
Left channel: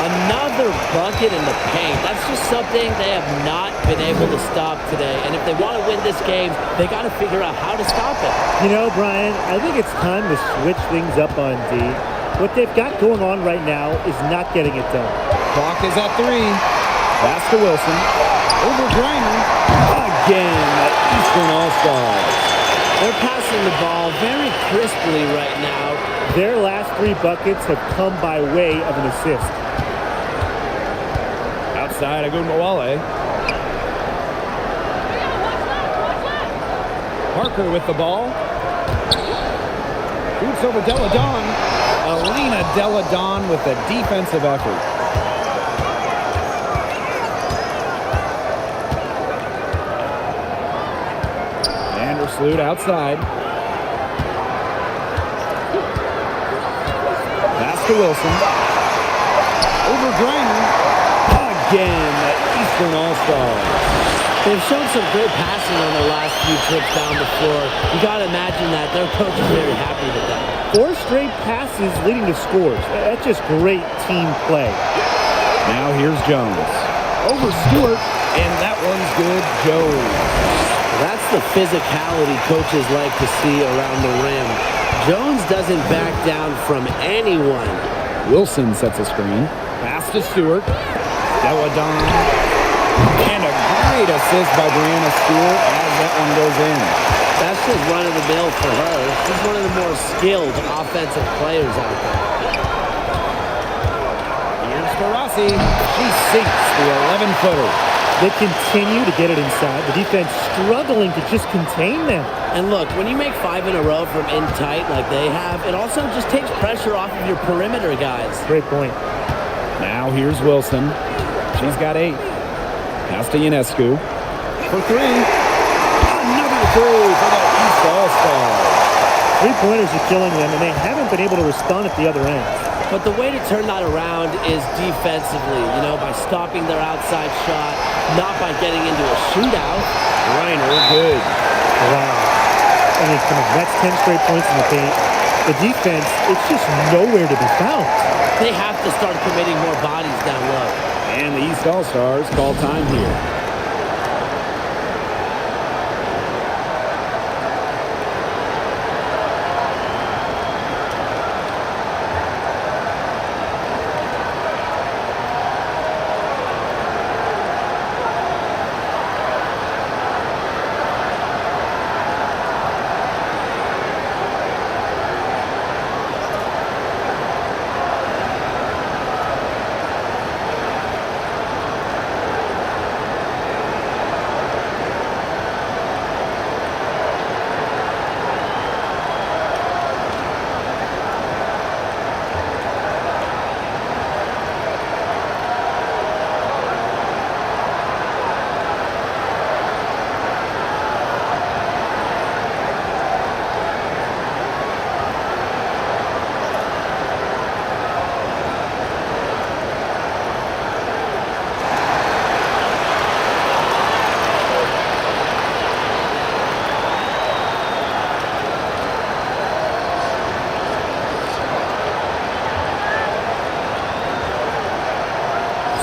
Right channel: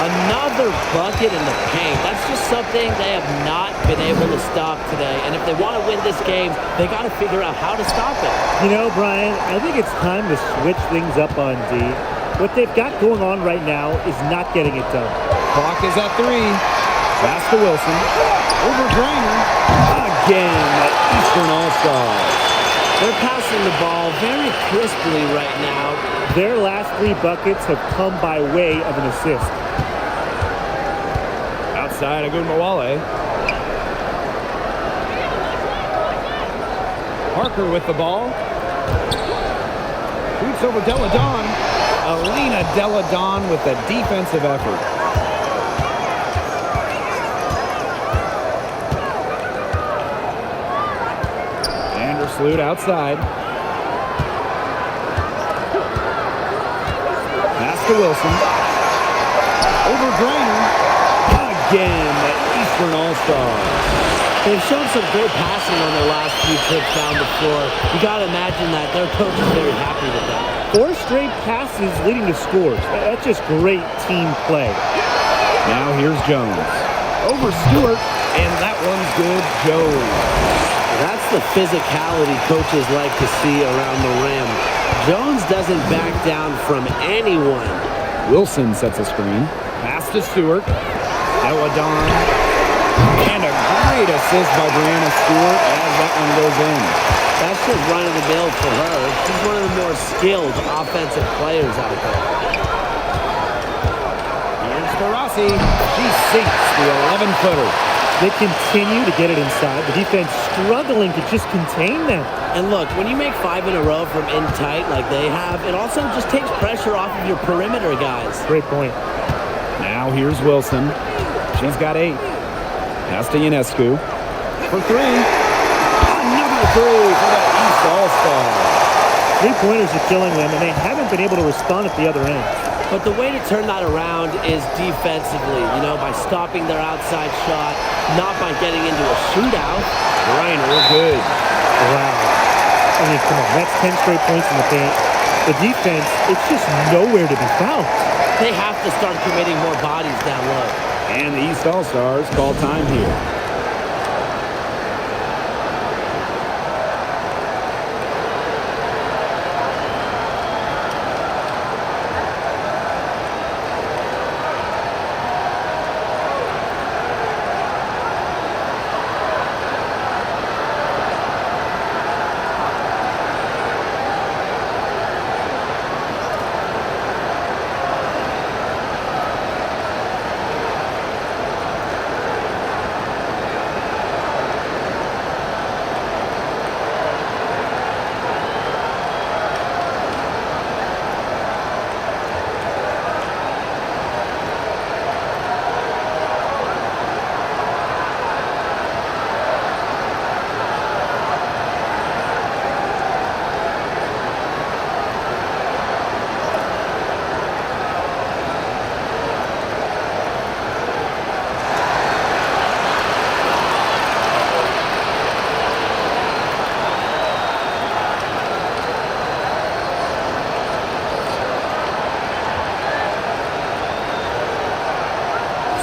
Another bucket in the paint. That's just something they have not been able to stop today. And if they want to win this game, they got to figure out how to stop it. You know, Brian, I think it's time to switch things up on D. What they've got going on right now is not getting it done. Clock is at 3. Pass to Wilson. Over Griner. Again, the Eastern All-Stars. They're passing the ball very crisply right now. Their last 3 buckets have come by way of an assist. Outside, Agunbowale. Parker with the ball. Shoots over Deladon. Elena Deladon with a defensive effort. Vandersloot outside. Pass to Wilson. Over Griner. Again, the Eastern All-Stars. They've shown some great passing on their last few trips down the floor. You got to imagine that their coach is very happy with that. 4 straight passes leading to scores. That's just great team play. Now here's Jones. Over Stewart, and that one's good. Jones. That's the physicality coaches like to see around the rim. Jones doesn't back down from anyone. Wilson sets a screen. Pass to Stewart. Deladon. And a great assist by Brianna Stewart as that one goes in. That's just run-of-the-mill for her. She's one of the more skilled offensive players out there. Here's to Rossi. She sinks the 11-footer. They continue to get it inside. The defense struggling to just contain them. And look, when you make 5 in a row from in tight like they have, it also just takes pressure off of your perimeter guys. Great point. Now here's Wilson. She's got 8. Pass to Ionescu. For 3. Another 3 for the East All-Stars. 3-pointers are killing them, and they haven't been able to respond at the other end. But the way to turn that around is defensively, by stopping their outside shot, not by getting into a shootout. Reiner, good. Wow. I mean, come on. That's 10 straight points in the paint. The defense, it's just nowhere to be found. They have to start committing more bodies down low. And the East All-Stars call time here.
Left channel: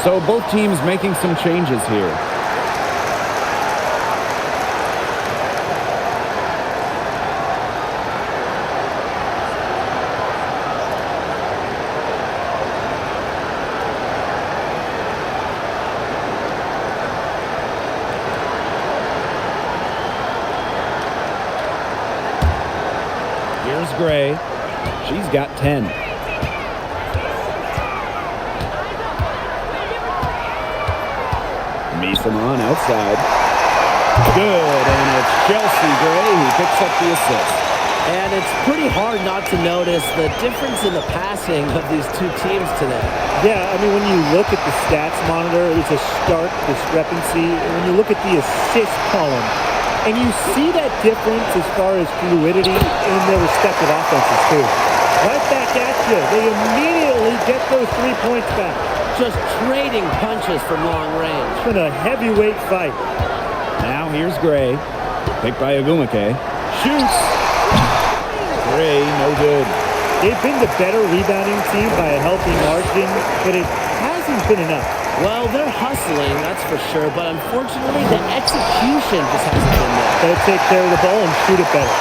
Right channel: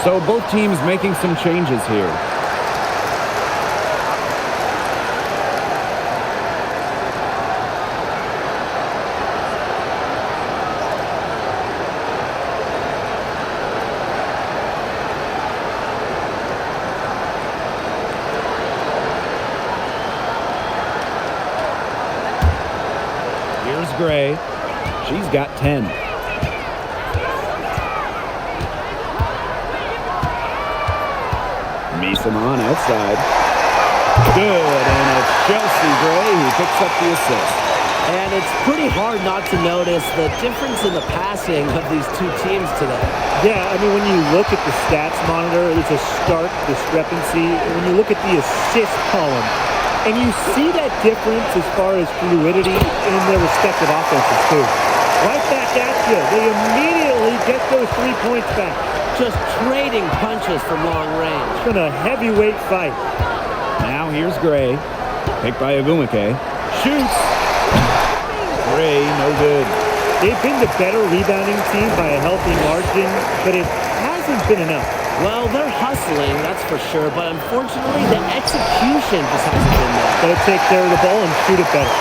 So both teams making some changes here. Here's Gray. She's got 10. Misamon outside. Good, and it's Chelsea Gray who picks up the assist. And it's pretty hard not to notice the difference in the passing of these two teams today. Yeah, I mean, when you look at the stats monitor, there's a stark discrepancy. When you look at the assist column, and you see that difference as far as fluidity in their respective offenses, too. Right back at you. They immediately get those 3 points back. Just trading punches from long range. It's been a heavyweight fight. Now here's Gray. Picked by Agumake. Shoots. Gray, no good. They've been the better rebounding team by a healthy margin, but it hasn't been enough. Well, they're hustling, that's for sure, but unfortunately the execution just hasn't been there. Got to take care of the ball and shoot it better.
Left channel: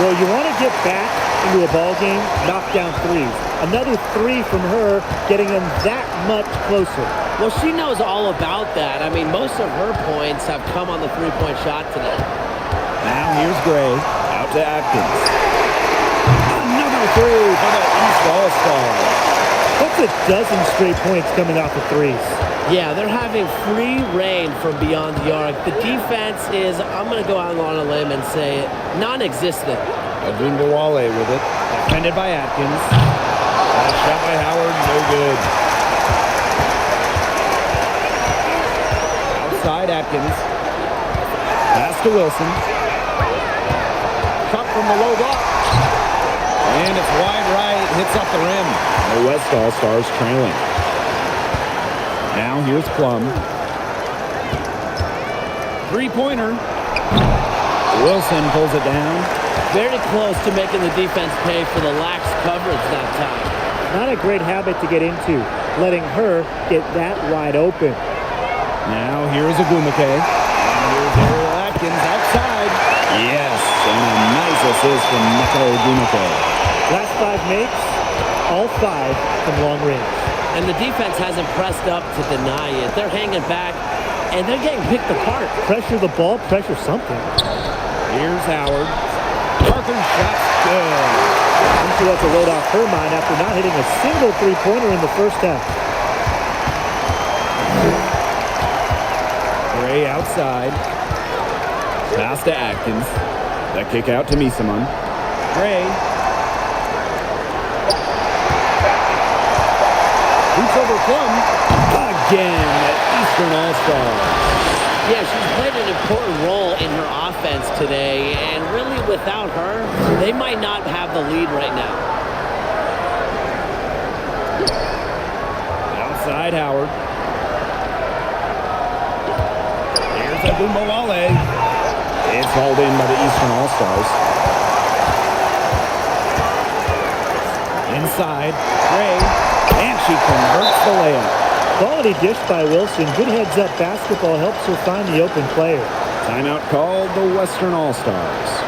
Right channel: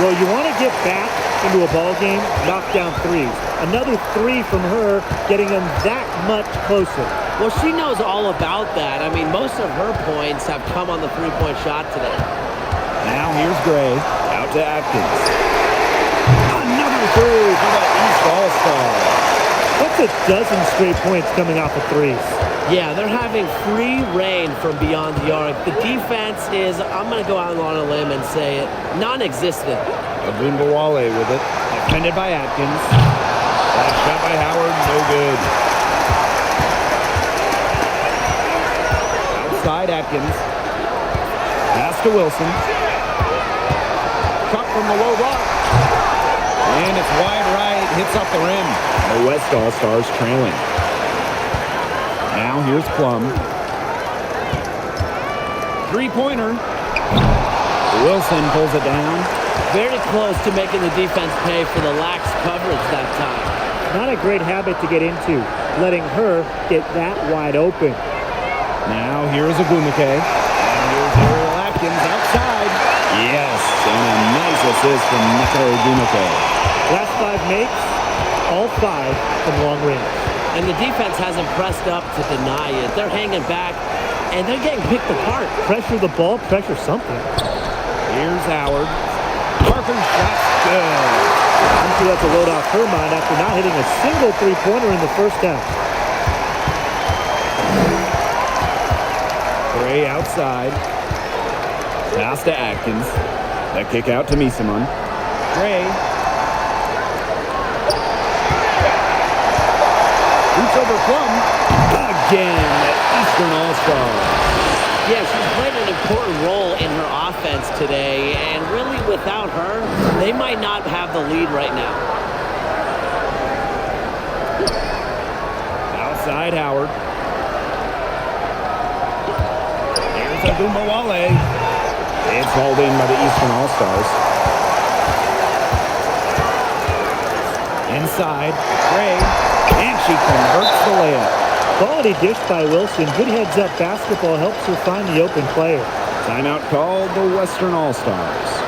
Well, you want to get back into a ball game, knock down threes. Another 3 from her, getting them that much closer. Well, she knows all about that. I mean, most of her points have come on the three-point shot today. Now here's Gray. Out to Atkins. Another 3 for the East All-Stars. That's a dozen straight points coming off of threes. Yeah, they're having free reign from beyond the arc. The defense is, I'm going to go out on a limb and say it, non-existent. Agunbawale with it. Defended by Atkins. And a shot by Howard, no good. Outside Atkins. Pass to Wilson. Cut from the low block. And it's wide right, hits off the rim. The West All-Stars trailing. Now here's Plum. Three-pointer. Wilson pulls it down. Very close to making the defense pay for the lax coverage that time. Not a great habit to get into, letting her get that wide open. Now here's Agumake. And here's Ariel Atkins outside. Yes, and a nice assist from Neko Agumake. Last 5 makes, all 5 from long range. And the defense hasn't pressed up to deny it. They're hanging back, and they're getting picked apart. Pressure the ball, pressure something. Here's Howard. Parker's shot's good. I'm sure that's a load off her mind after not hitting a single three-pointer in the first half. Gray outside. Pass to Atkins. The kick out to Misaman. Gray. Shoots over Plum. Again, the Eastern All-Star. Yeah, she's played an important role in her offense today, and really without her, they might not have the lead right now. Outside Howard. Here's Agumbawale. It's hauled in by the Eastern All-Stars. Inside, Gray, and she converts the layup. Quality dish by Wilson. Good heads-up basketball helps her find the open player. Timeout called the Western All-Stars.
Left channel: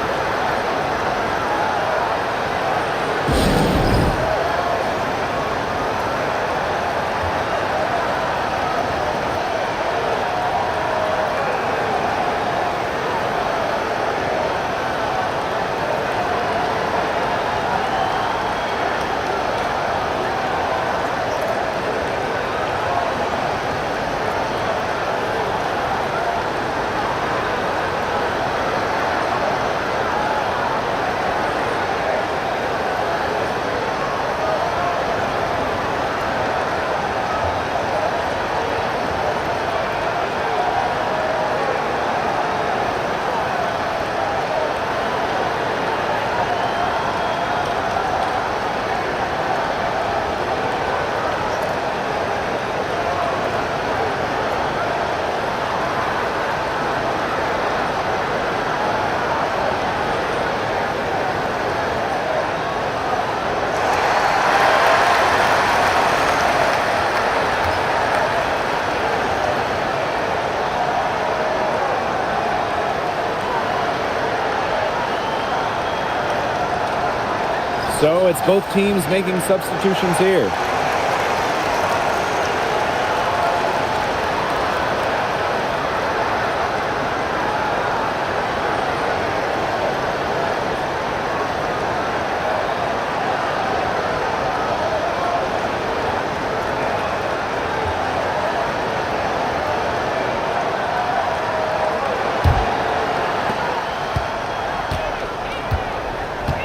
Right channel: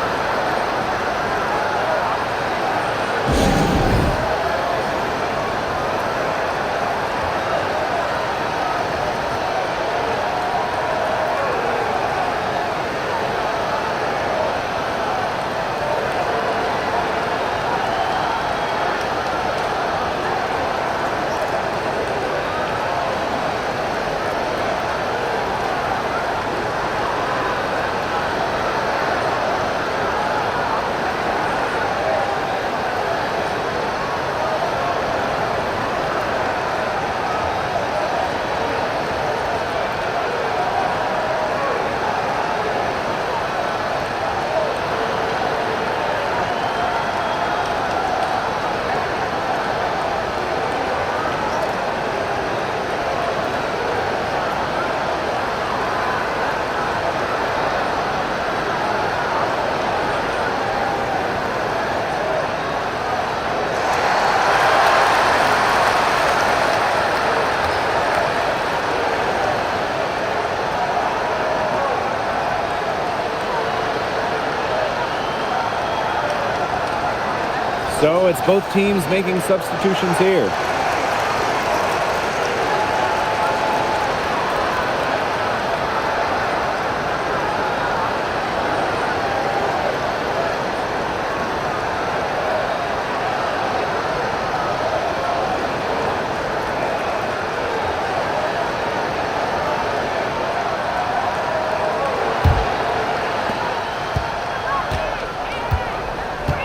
So it's both teams making substitutions here.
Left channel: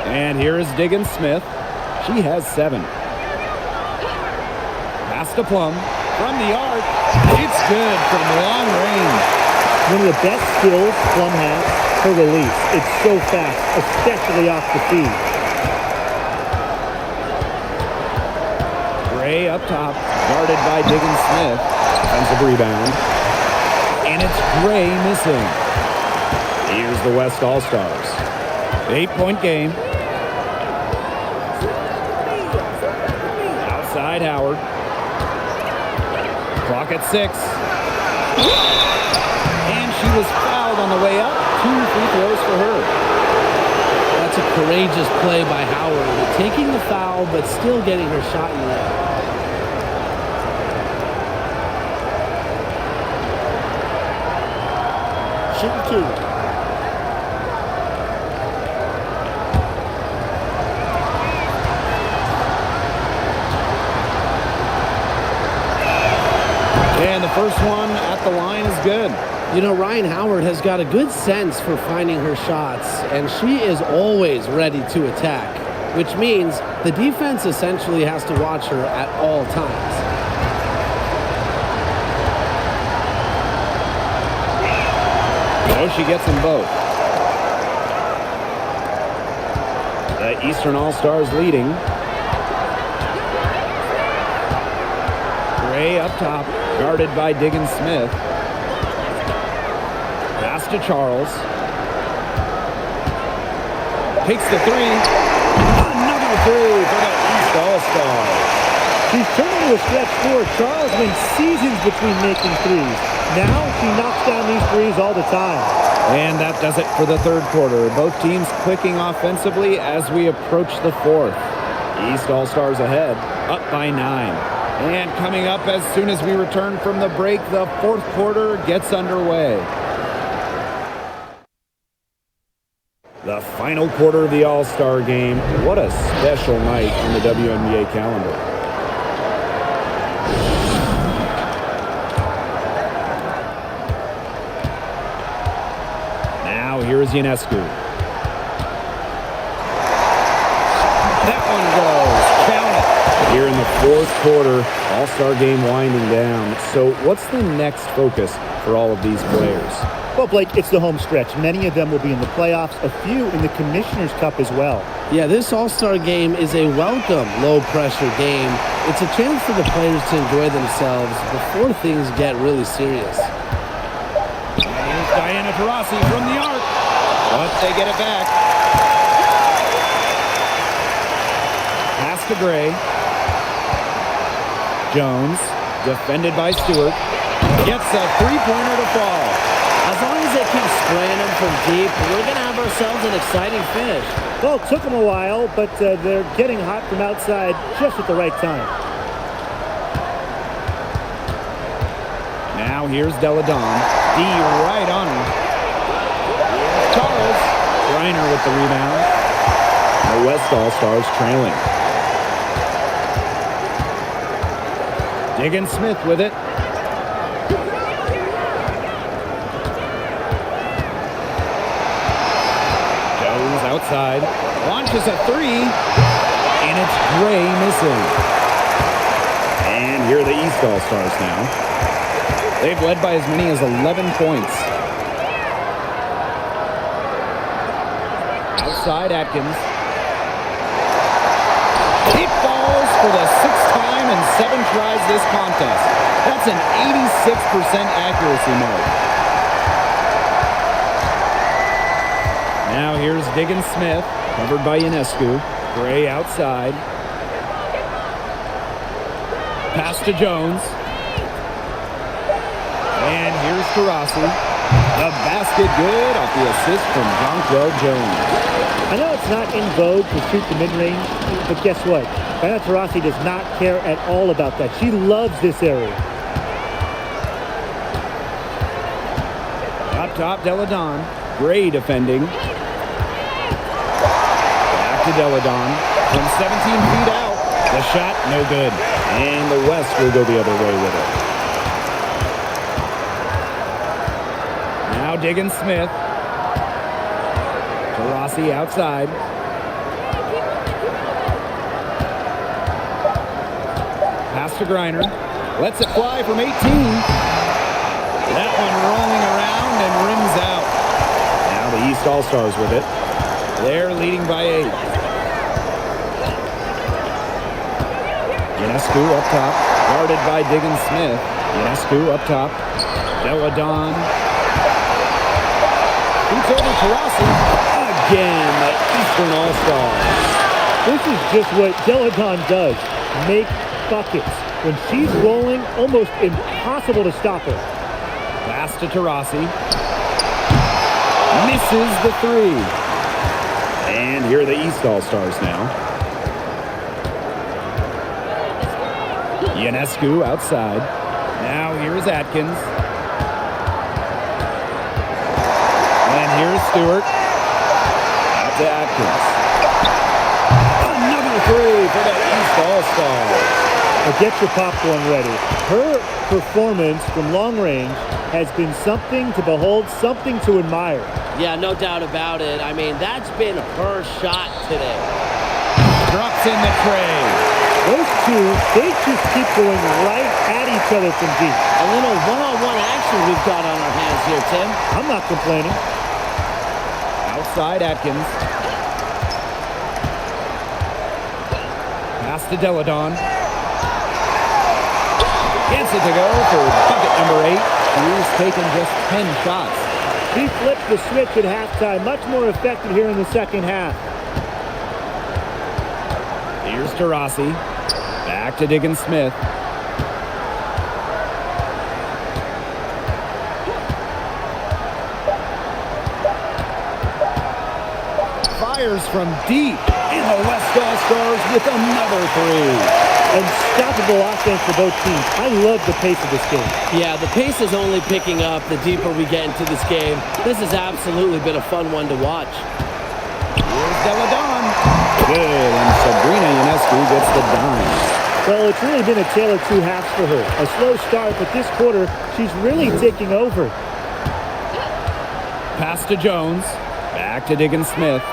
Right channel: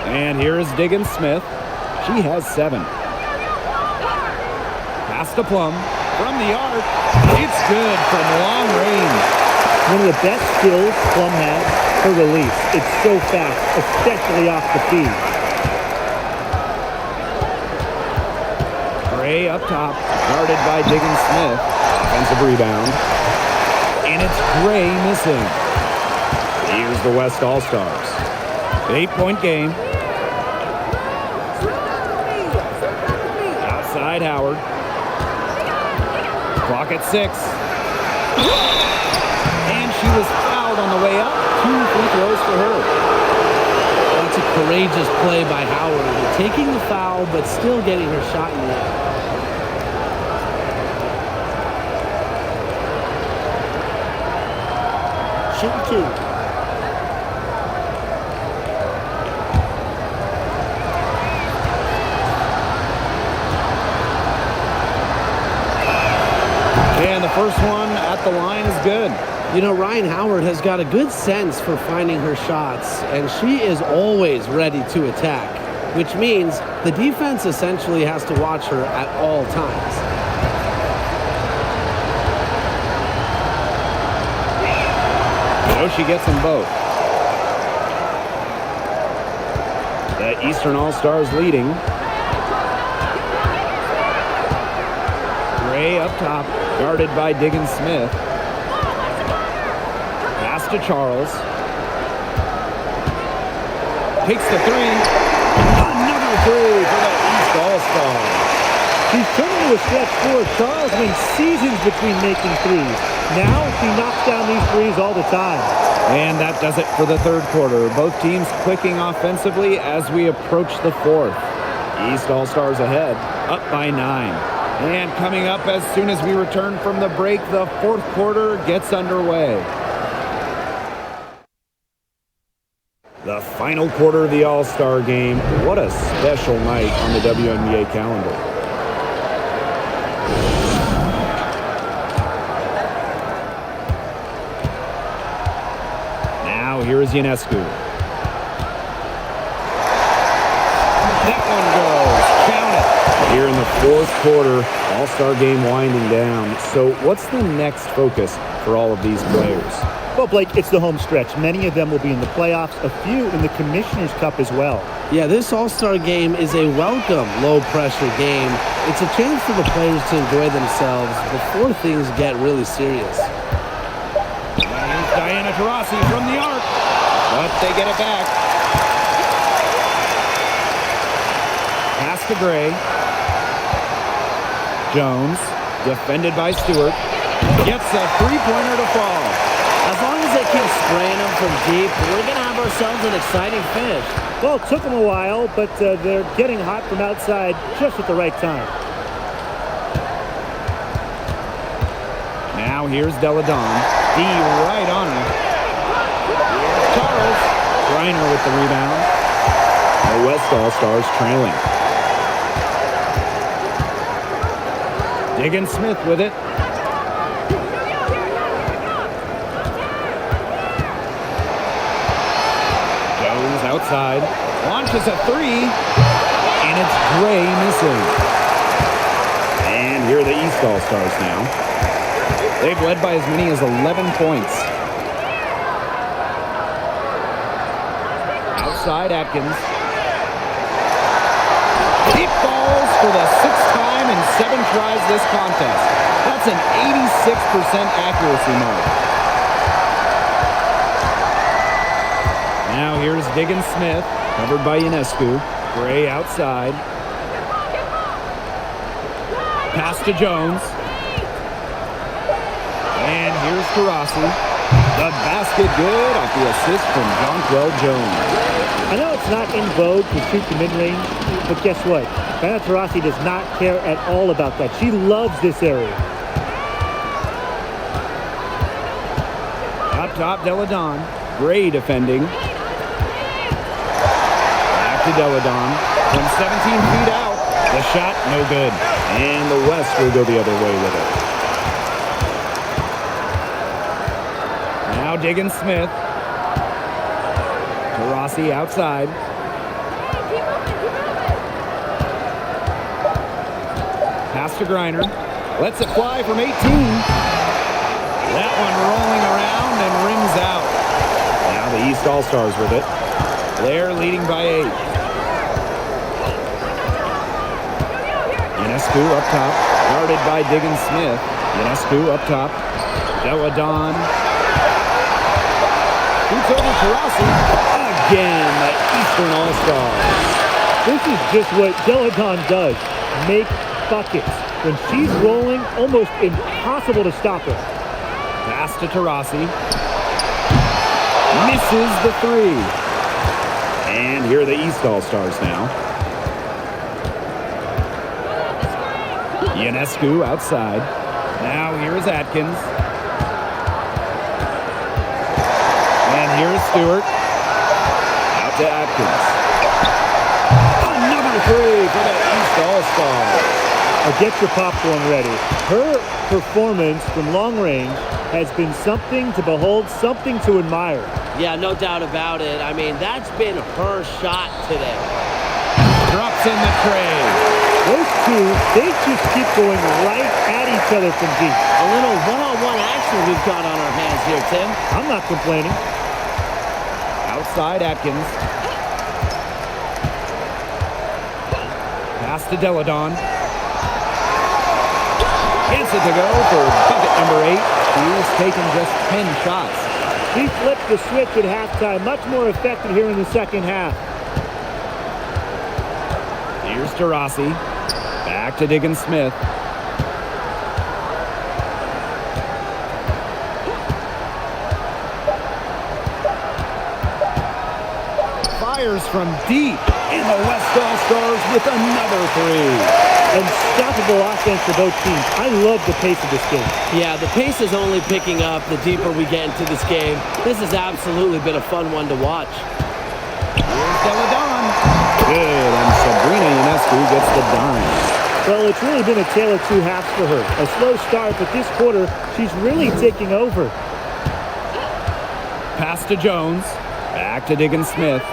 And here is Diggins Smith. She has 7. Pass to Plum from the arc. It's good from long range. One of the best skills Plum has, her release. It's so fast, especially off the feed. Gray up top, guarded by Diggins Smith. Offensive rebound. And it's Gray missing. Here's the West All-Stars. 8-point game. Outside Howard. Clock at 6. And she was fouled on the way up. 2 free throws for her. That's a courageous play by Howard, taking the foul but still getting her shot in the air. Shooting 2. And the first one at the line is good. You know, Ryan Howard has got a good sense for finding her shots, and she is always ready to attack, which means the defense essentially has to watch her at all times. So she gets them both. The Eastern All-Stars leading. Gray up top, guarded by Diggins Smith. Pass to Charles. Takes the three. Another three for the East All-Stars. She's turning to a stretch four. Charles went seasons between making threes. Now she knocks down these threes all the time. And that does it for the third quarter. Both teams clicking offensively as we approach the fourth. East All-Stars ahead, up by 9. And coming up as soon as we return from the break, the fourth quarter gets underway. The final quarter of the All-Star game. What a special night on the WNBA calendar. Now here is Ionescu. That one goes. Count it. Here in the fourth quarter, All-Star game winding down. So what's the next focus for all of these players? Well, Blake, it's the home stretch. Many of them will be in the playoffs, a few in the Commissioner's Cup as well. Yeah, this All-Star game is a welcome low-pressure game. It's a chance for the players to enjoy themselves before things get really serious. And here's Diana Taurasi from the arc. But they get it back. Pass to Gray. Jones, defended by Stewart, gets a three-pointer to fall. As long as they keep spraying them from deep, we're going to have ourselves an exciting finish. Well, it took them a while, but they're getting hot from outside just at the right time. Now here's Deladon. D right on her. Here's Charles. Griner with the rebound. The West All-Stars trailing. Diggin Smith with it. Goes outside. Launches a three. And it's Gray missing. And here are the East All-Stars now. They've led by as many as 11 points. Outside Atkins. It falls for the sixth time in 7 tries this contest. That's an 86% accuracy mark. Now here's Diggin Smith, covered by Ionescu. Gray outside. Pass to Jones. And here's Taurasi. The basket good off the assist from Jonquel Jones. I know it's not in vogue to shoot the mid-range, but guess what? Diana Taurasi does not care at all about that. She loves this area. Up top, Deladon. Gray defending. Back to Deladon. From 17 feet out. The shot, no good. And the West will go the other way with it. Now Diggin Smith. Taurasi outside. Keep moving. Pass to Griner. Lets it fly from 18. That one rolling around and rims out. Now the East All-Stars with it. They're leading by 8. Ionescu up top. Guarded by Diggin Smith. Ionescu up top. Deladon. Shoots over Taurasi. Again, the Eastern All-Stars. This is just what Deladon does. Make buckets. When she's rolling, almost impossible to stop her. Pass to Taurasi. Misses the three. And here are the East All-Stars now. Ionescu outside. Now here is Atkins. And here's Stewart. Out to Atkins. Another three for the East All-Stars. Now get your popcorn ready. Her performance from long range has been something to behold, something to admire. Yeah, no doubt about it. I mean, that's been her shot today. Drops in the tray. Those two, they just keep going right at each other from deep. A little one-on-one action we've got on our hands here, Tim. I'm not complaining. Outside Atkins. Pass to Deladon. Gets it to go for bucket number 8. She's taken just 10 shots. She flipped the switch at halftime. Much more effective here in the second half. Here's to Rossi. Back to Diggins Smith. Fires from deep. And the West All-Stars with another three. Unstoppable offense for both teams. I love the pace of this game. Yeah, the pace is only picking up the deeper we get into this game. This has absolutely been a fun one to watch. Here's Deladon. Good, and Sabrina Ionescu gets the dime. Well, it's really been a tale of two halves for her. A slow start, but this quarter, she's really taking over. Pass to Jones. Back to Diggins Smith.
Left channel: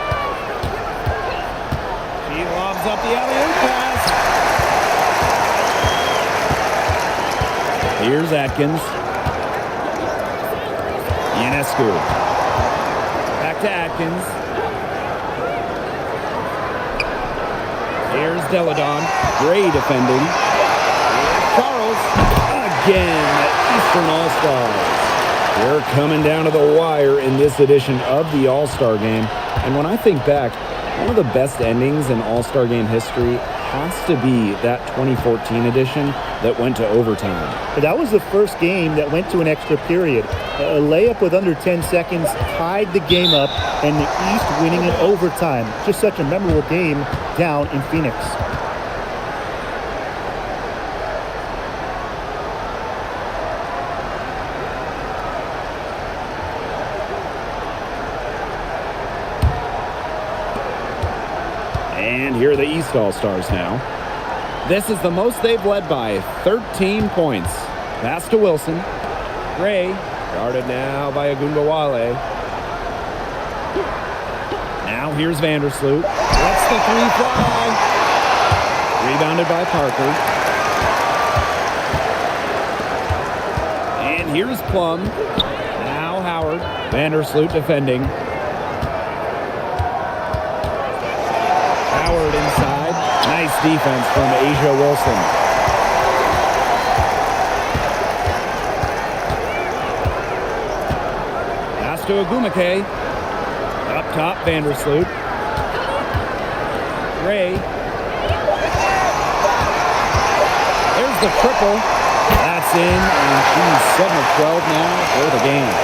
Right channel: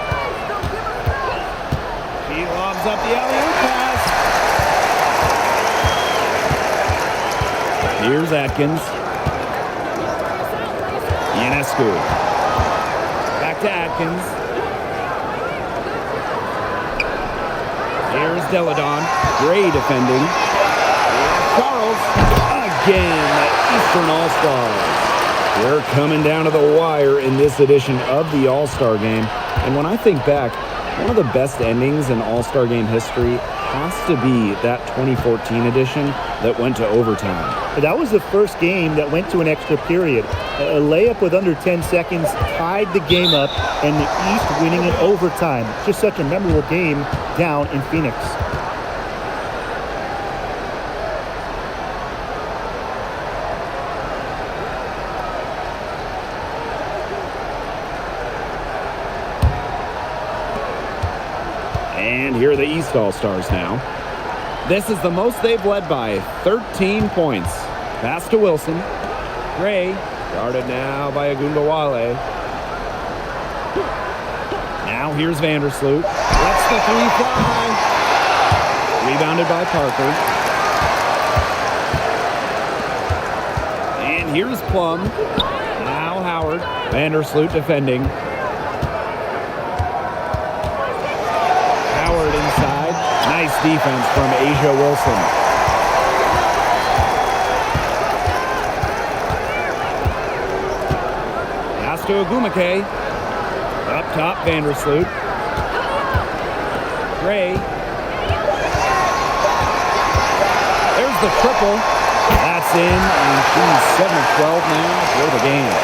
She lobs up the alley-oop pass. Here's Atkins. Ionescu. Back to Atkins. Here's Deladon. Gray defending. Here's Charles. Again, the Eastern All-Stars. We're coming down to the wire in this edition of the All-Star Game. And when I think back, one of the best endings in All-Star Game history has to be that 2014 edition that went to overtime. That was the first game that went to an extra period. A layup with under 10 seconds tied the game up, and the East winning in overtime. Just such a memorable game down in Phoenix. And here are the East All-Stars now. This is the most they've led by 13 points. Pass to Wilson. Gray, guarded now by Agunbowale. Now here's Vandersloot. Lets the three fly. Rebounded by Parker. And here's Plum. Now Howard. Vandersloot defending. Howard inside. Nice defense from Asia Wilson. Pass to Agumake. Up top, Vandersloot. Gray. There's the triple. That's in, and she's 7 of 12 now for the game.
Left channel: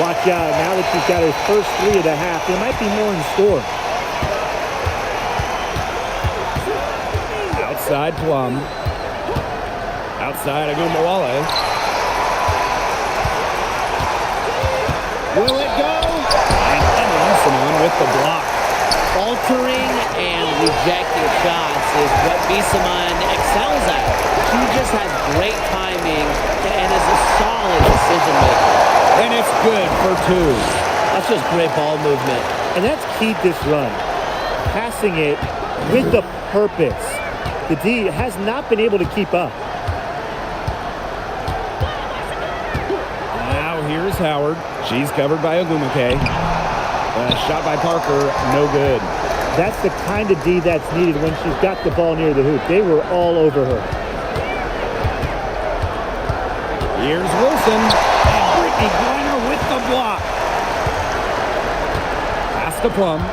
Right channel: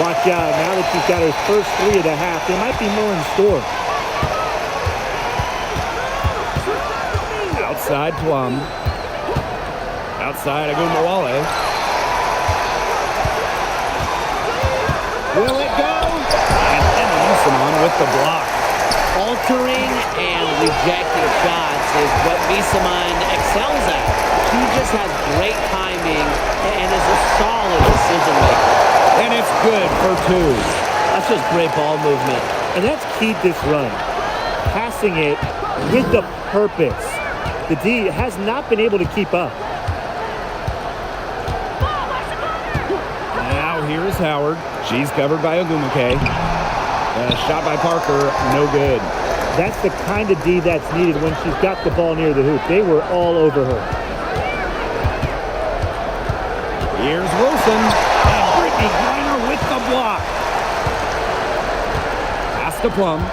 Watch out. Now that she's got her first three of the half, there might be more in store. Outside Plum. Outside Agunbowale. Will it go? And Emma Misamon with the block. Altering and rejecting shots is what Misamon excels at. She just has great timing and is a solid decision maker. And it's good for two. That's just great ball movement. And that's keyed this run. Passing it with the purpose. The D has not been able to keep up. Now here's Howard. She's covered by Agumake. Shot by Parker, no good. That's the kind of D that's needed when she's got the ball near the hoop. They were all over her. Here's Wilson. And Brittany Griner with the block. Pass to Plum.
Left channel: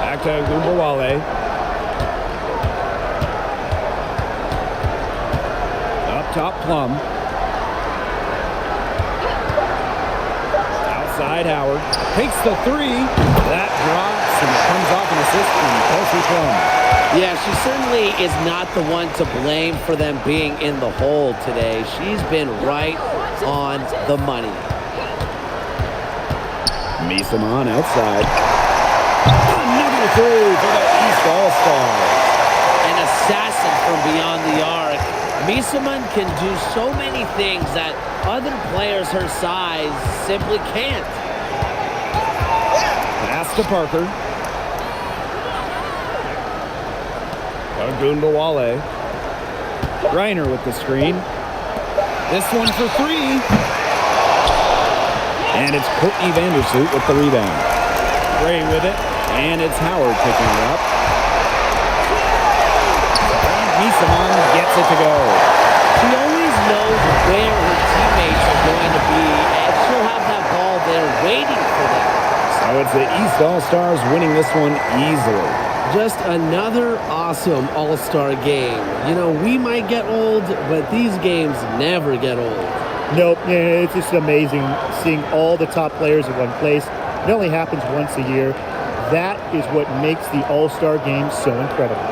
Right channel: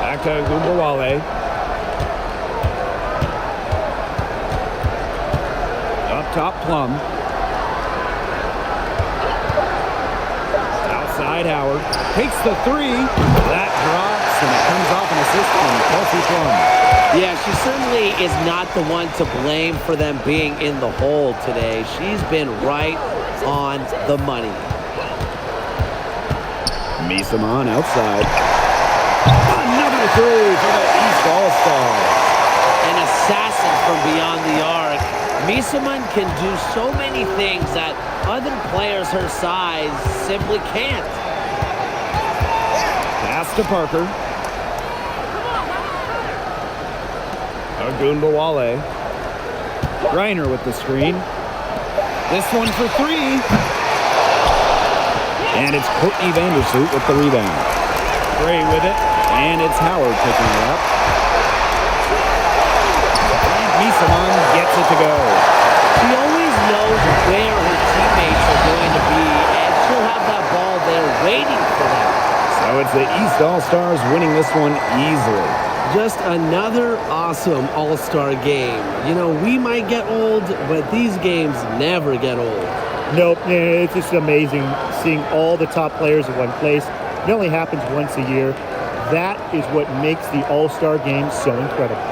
Back to Agunbowale. Up top, Plum. Outside, Howard. Takes the three. That drops, and it comes off an assist from Kelsey Plum. Yeah, she certainly is not the one to blame for them being in the hole today. She's been right on the money. Misamon outside. Another three for the East All-Stars. An assassin from beyond the arc. Misamon can do so many things that other players her size simply can't. Pass to Parker. Agunbowale. Griner with the screen. This one for three. And it's Courtney Vandersloot with the rebound. Gray with it. And it's Howard picking her up. And Misamon gets it to go. She always knows where her teammates are going to be, and she'll have that ball there waiting for them. So it's the East All-Stars winning this one easily. Just another awesome All-Star game. You know, we might get old, but these games never get old. Nope, it's just amazing seeing all the top players in one place. It only happens once a year. That is what makes the All-Star game so incredible.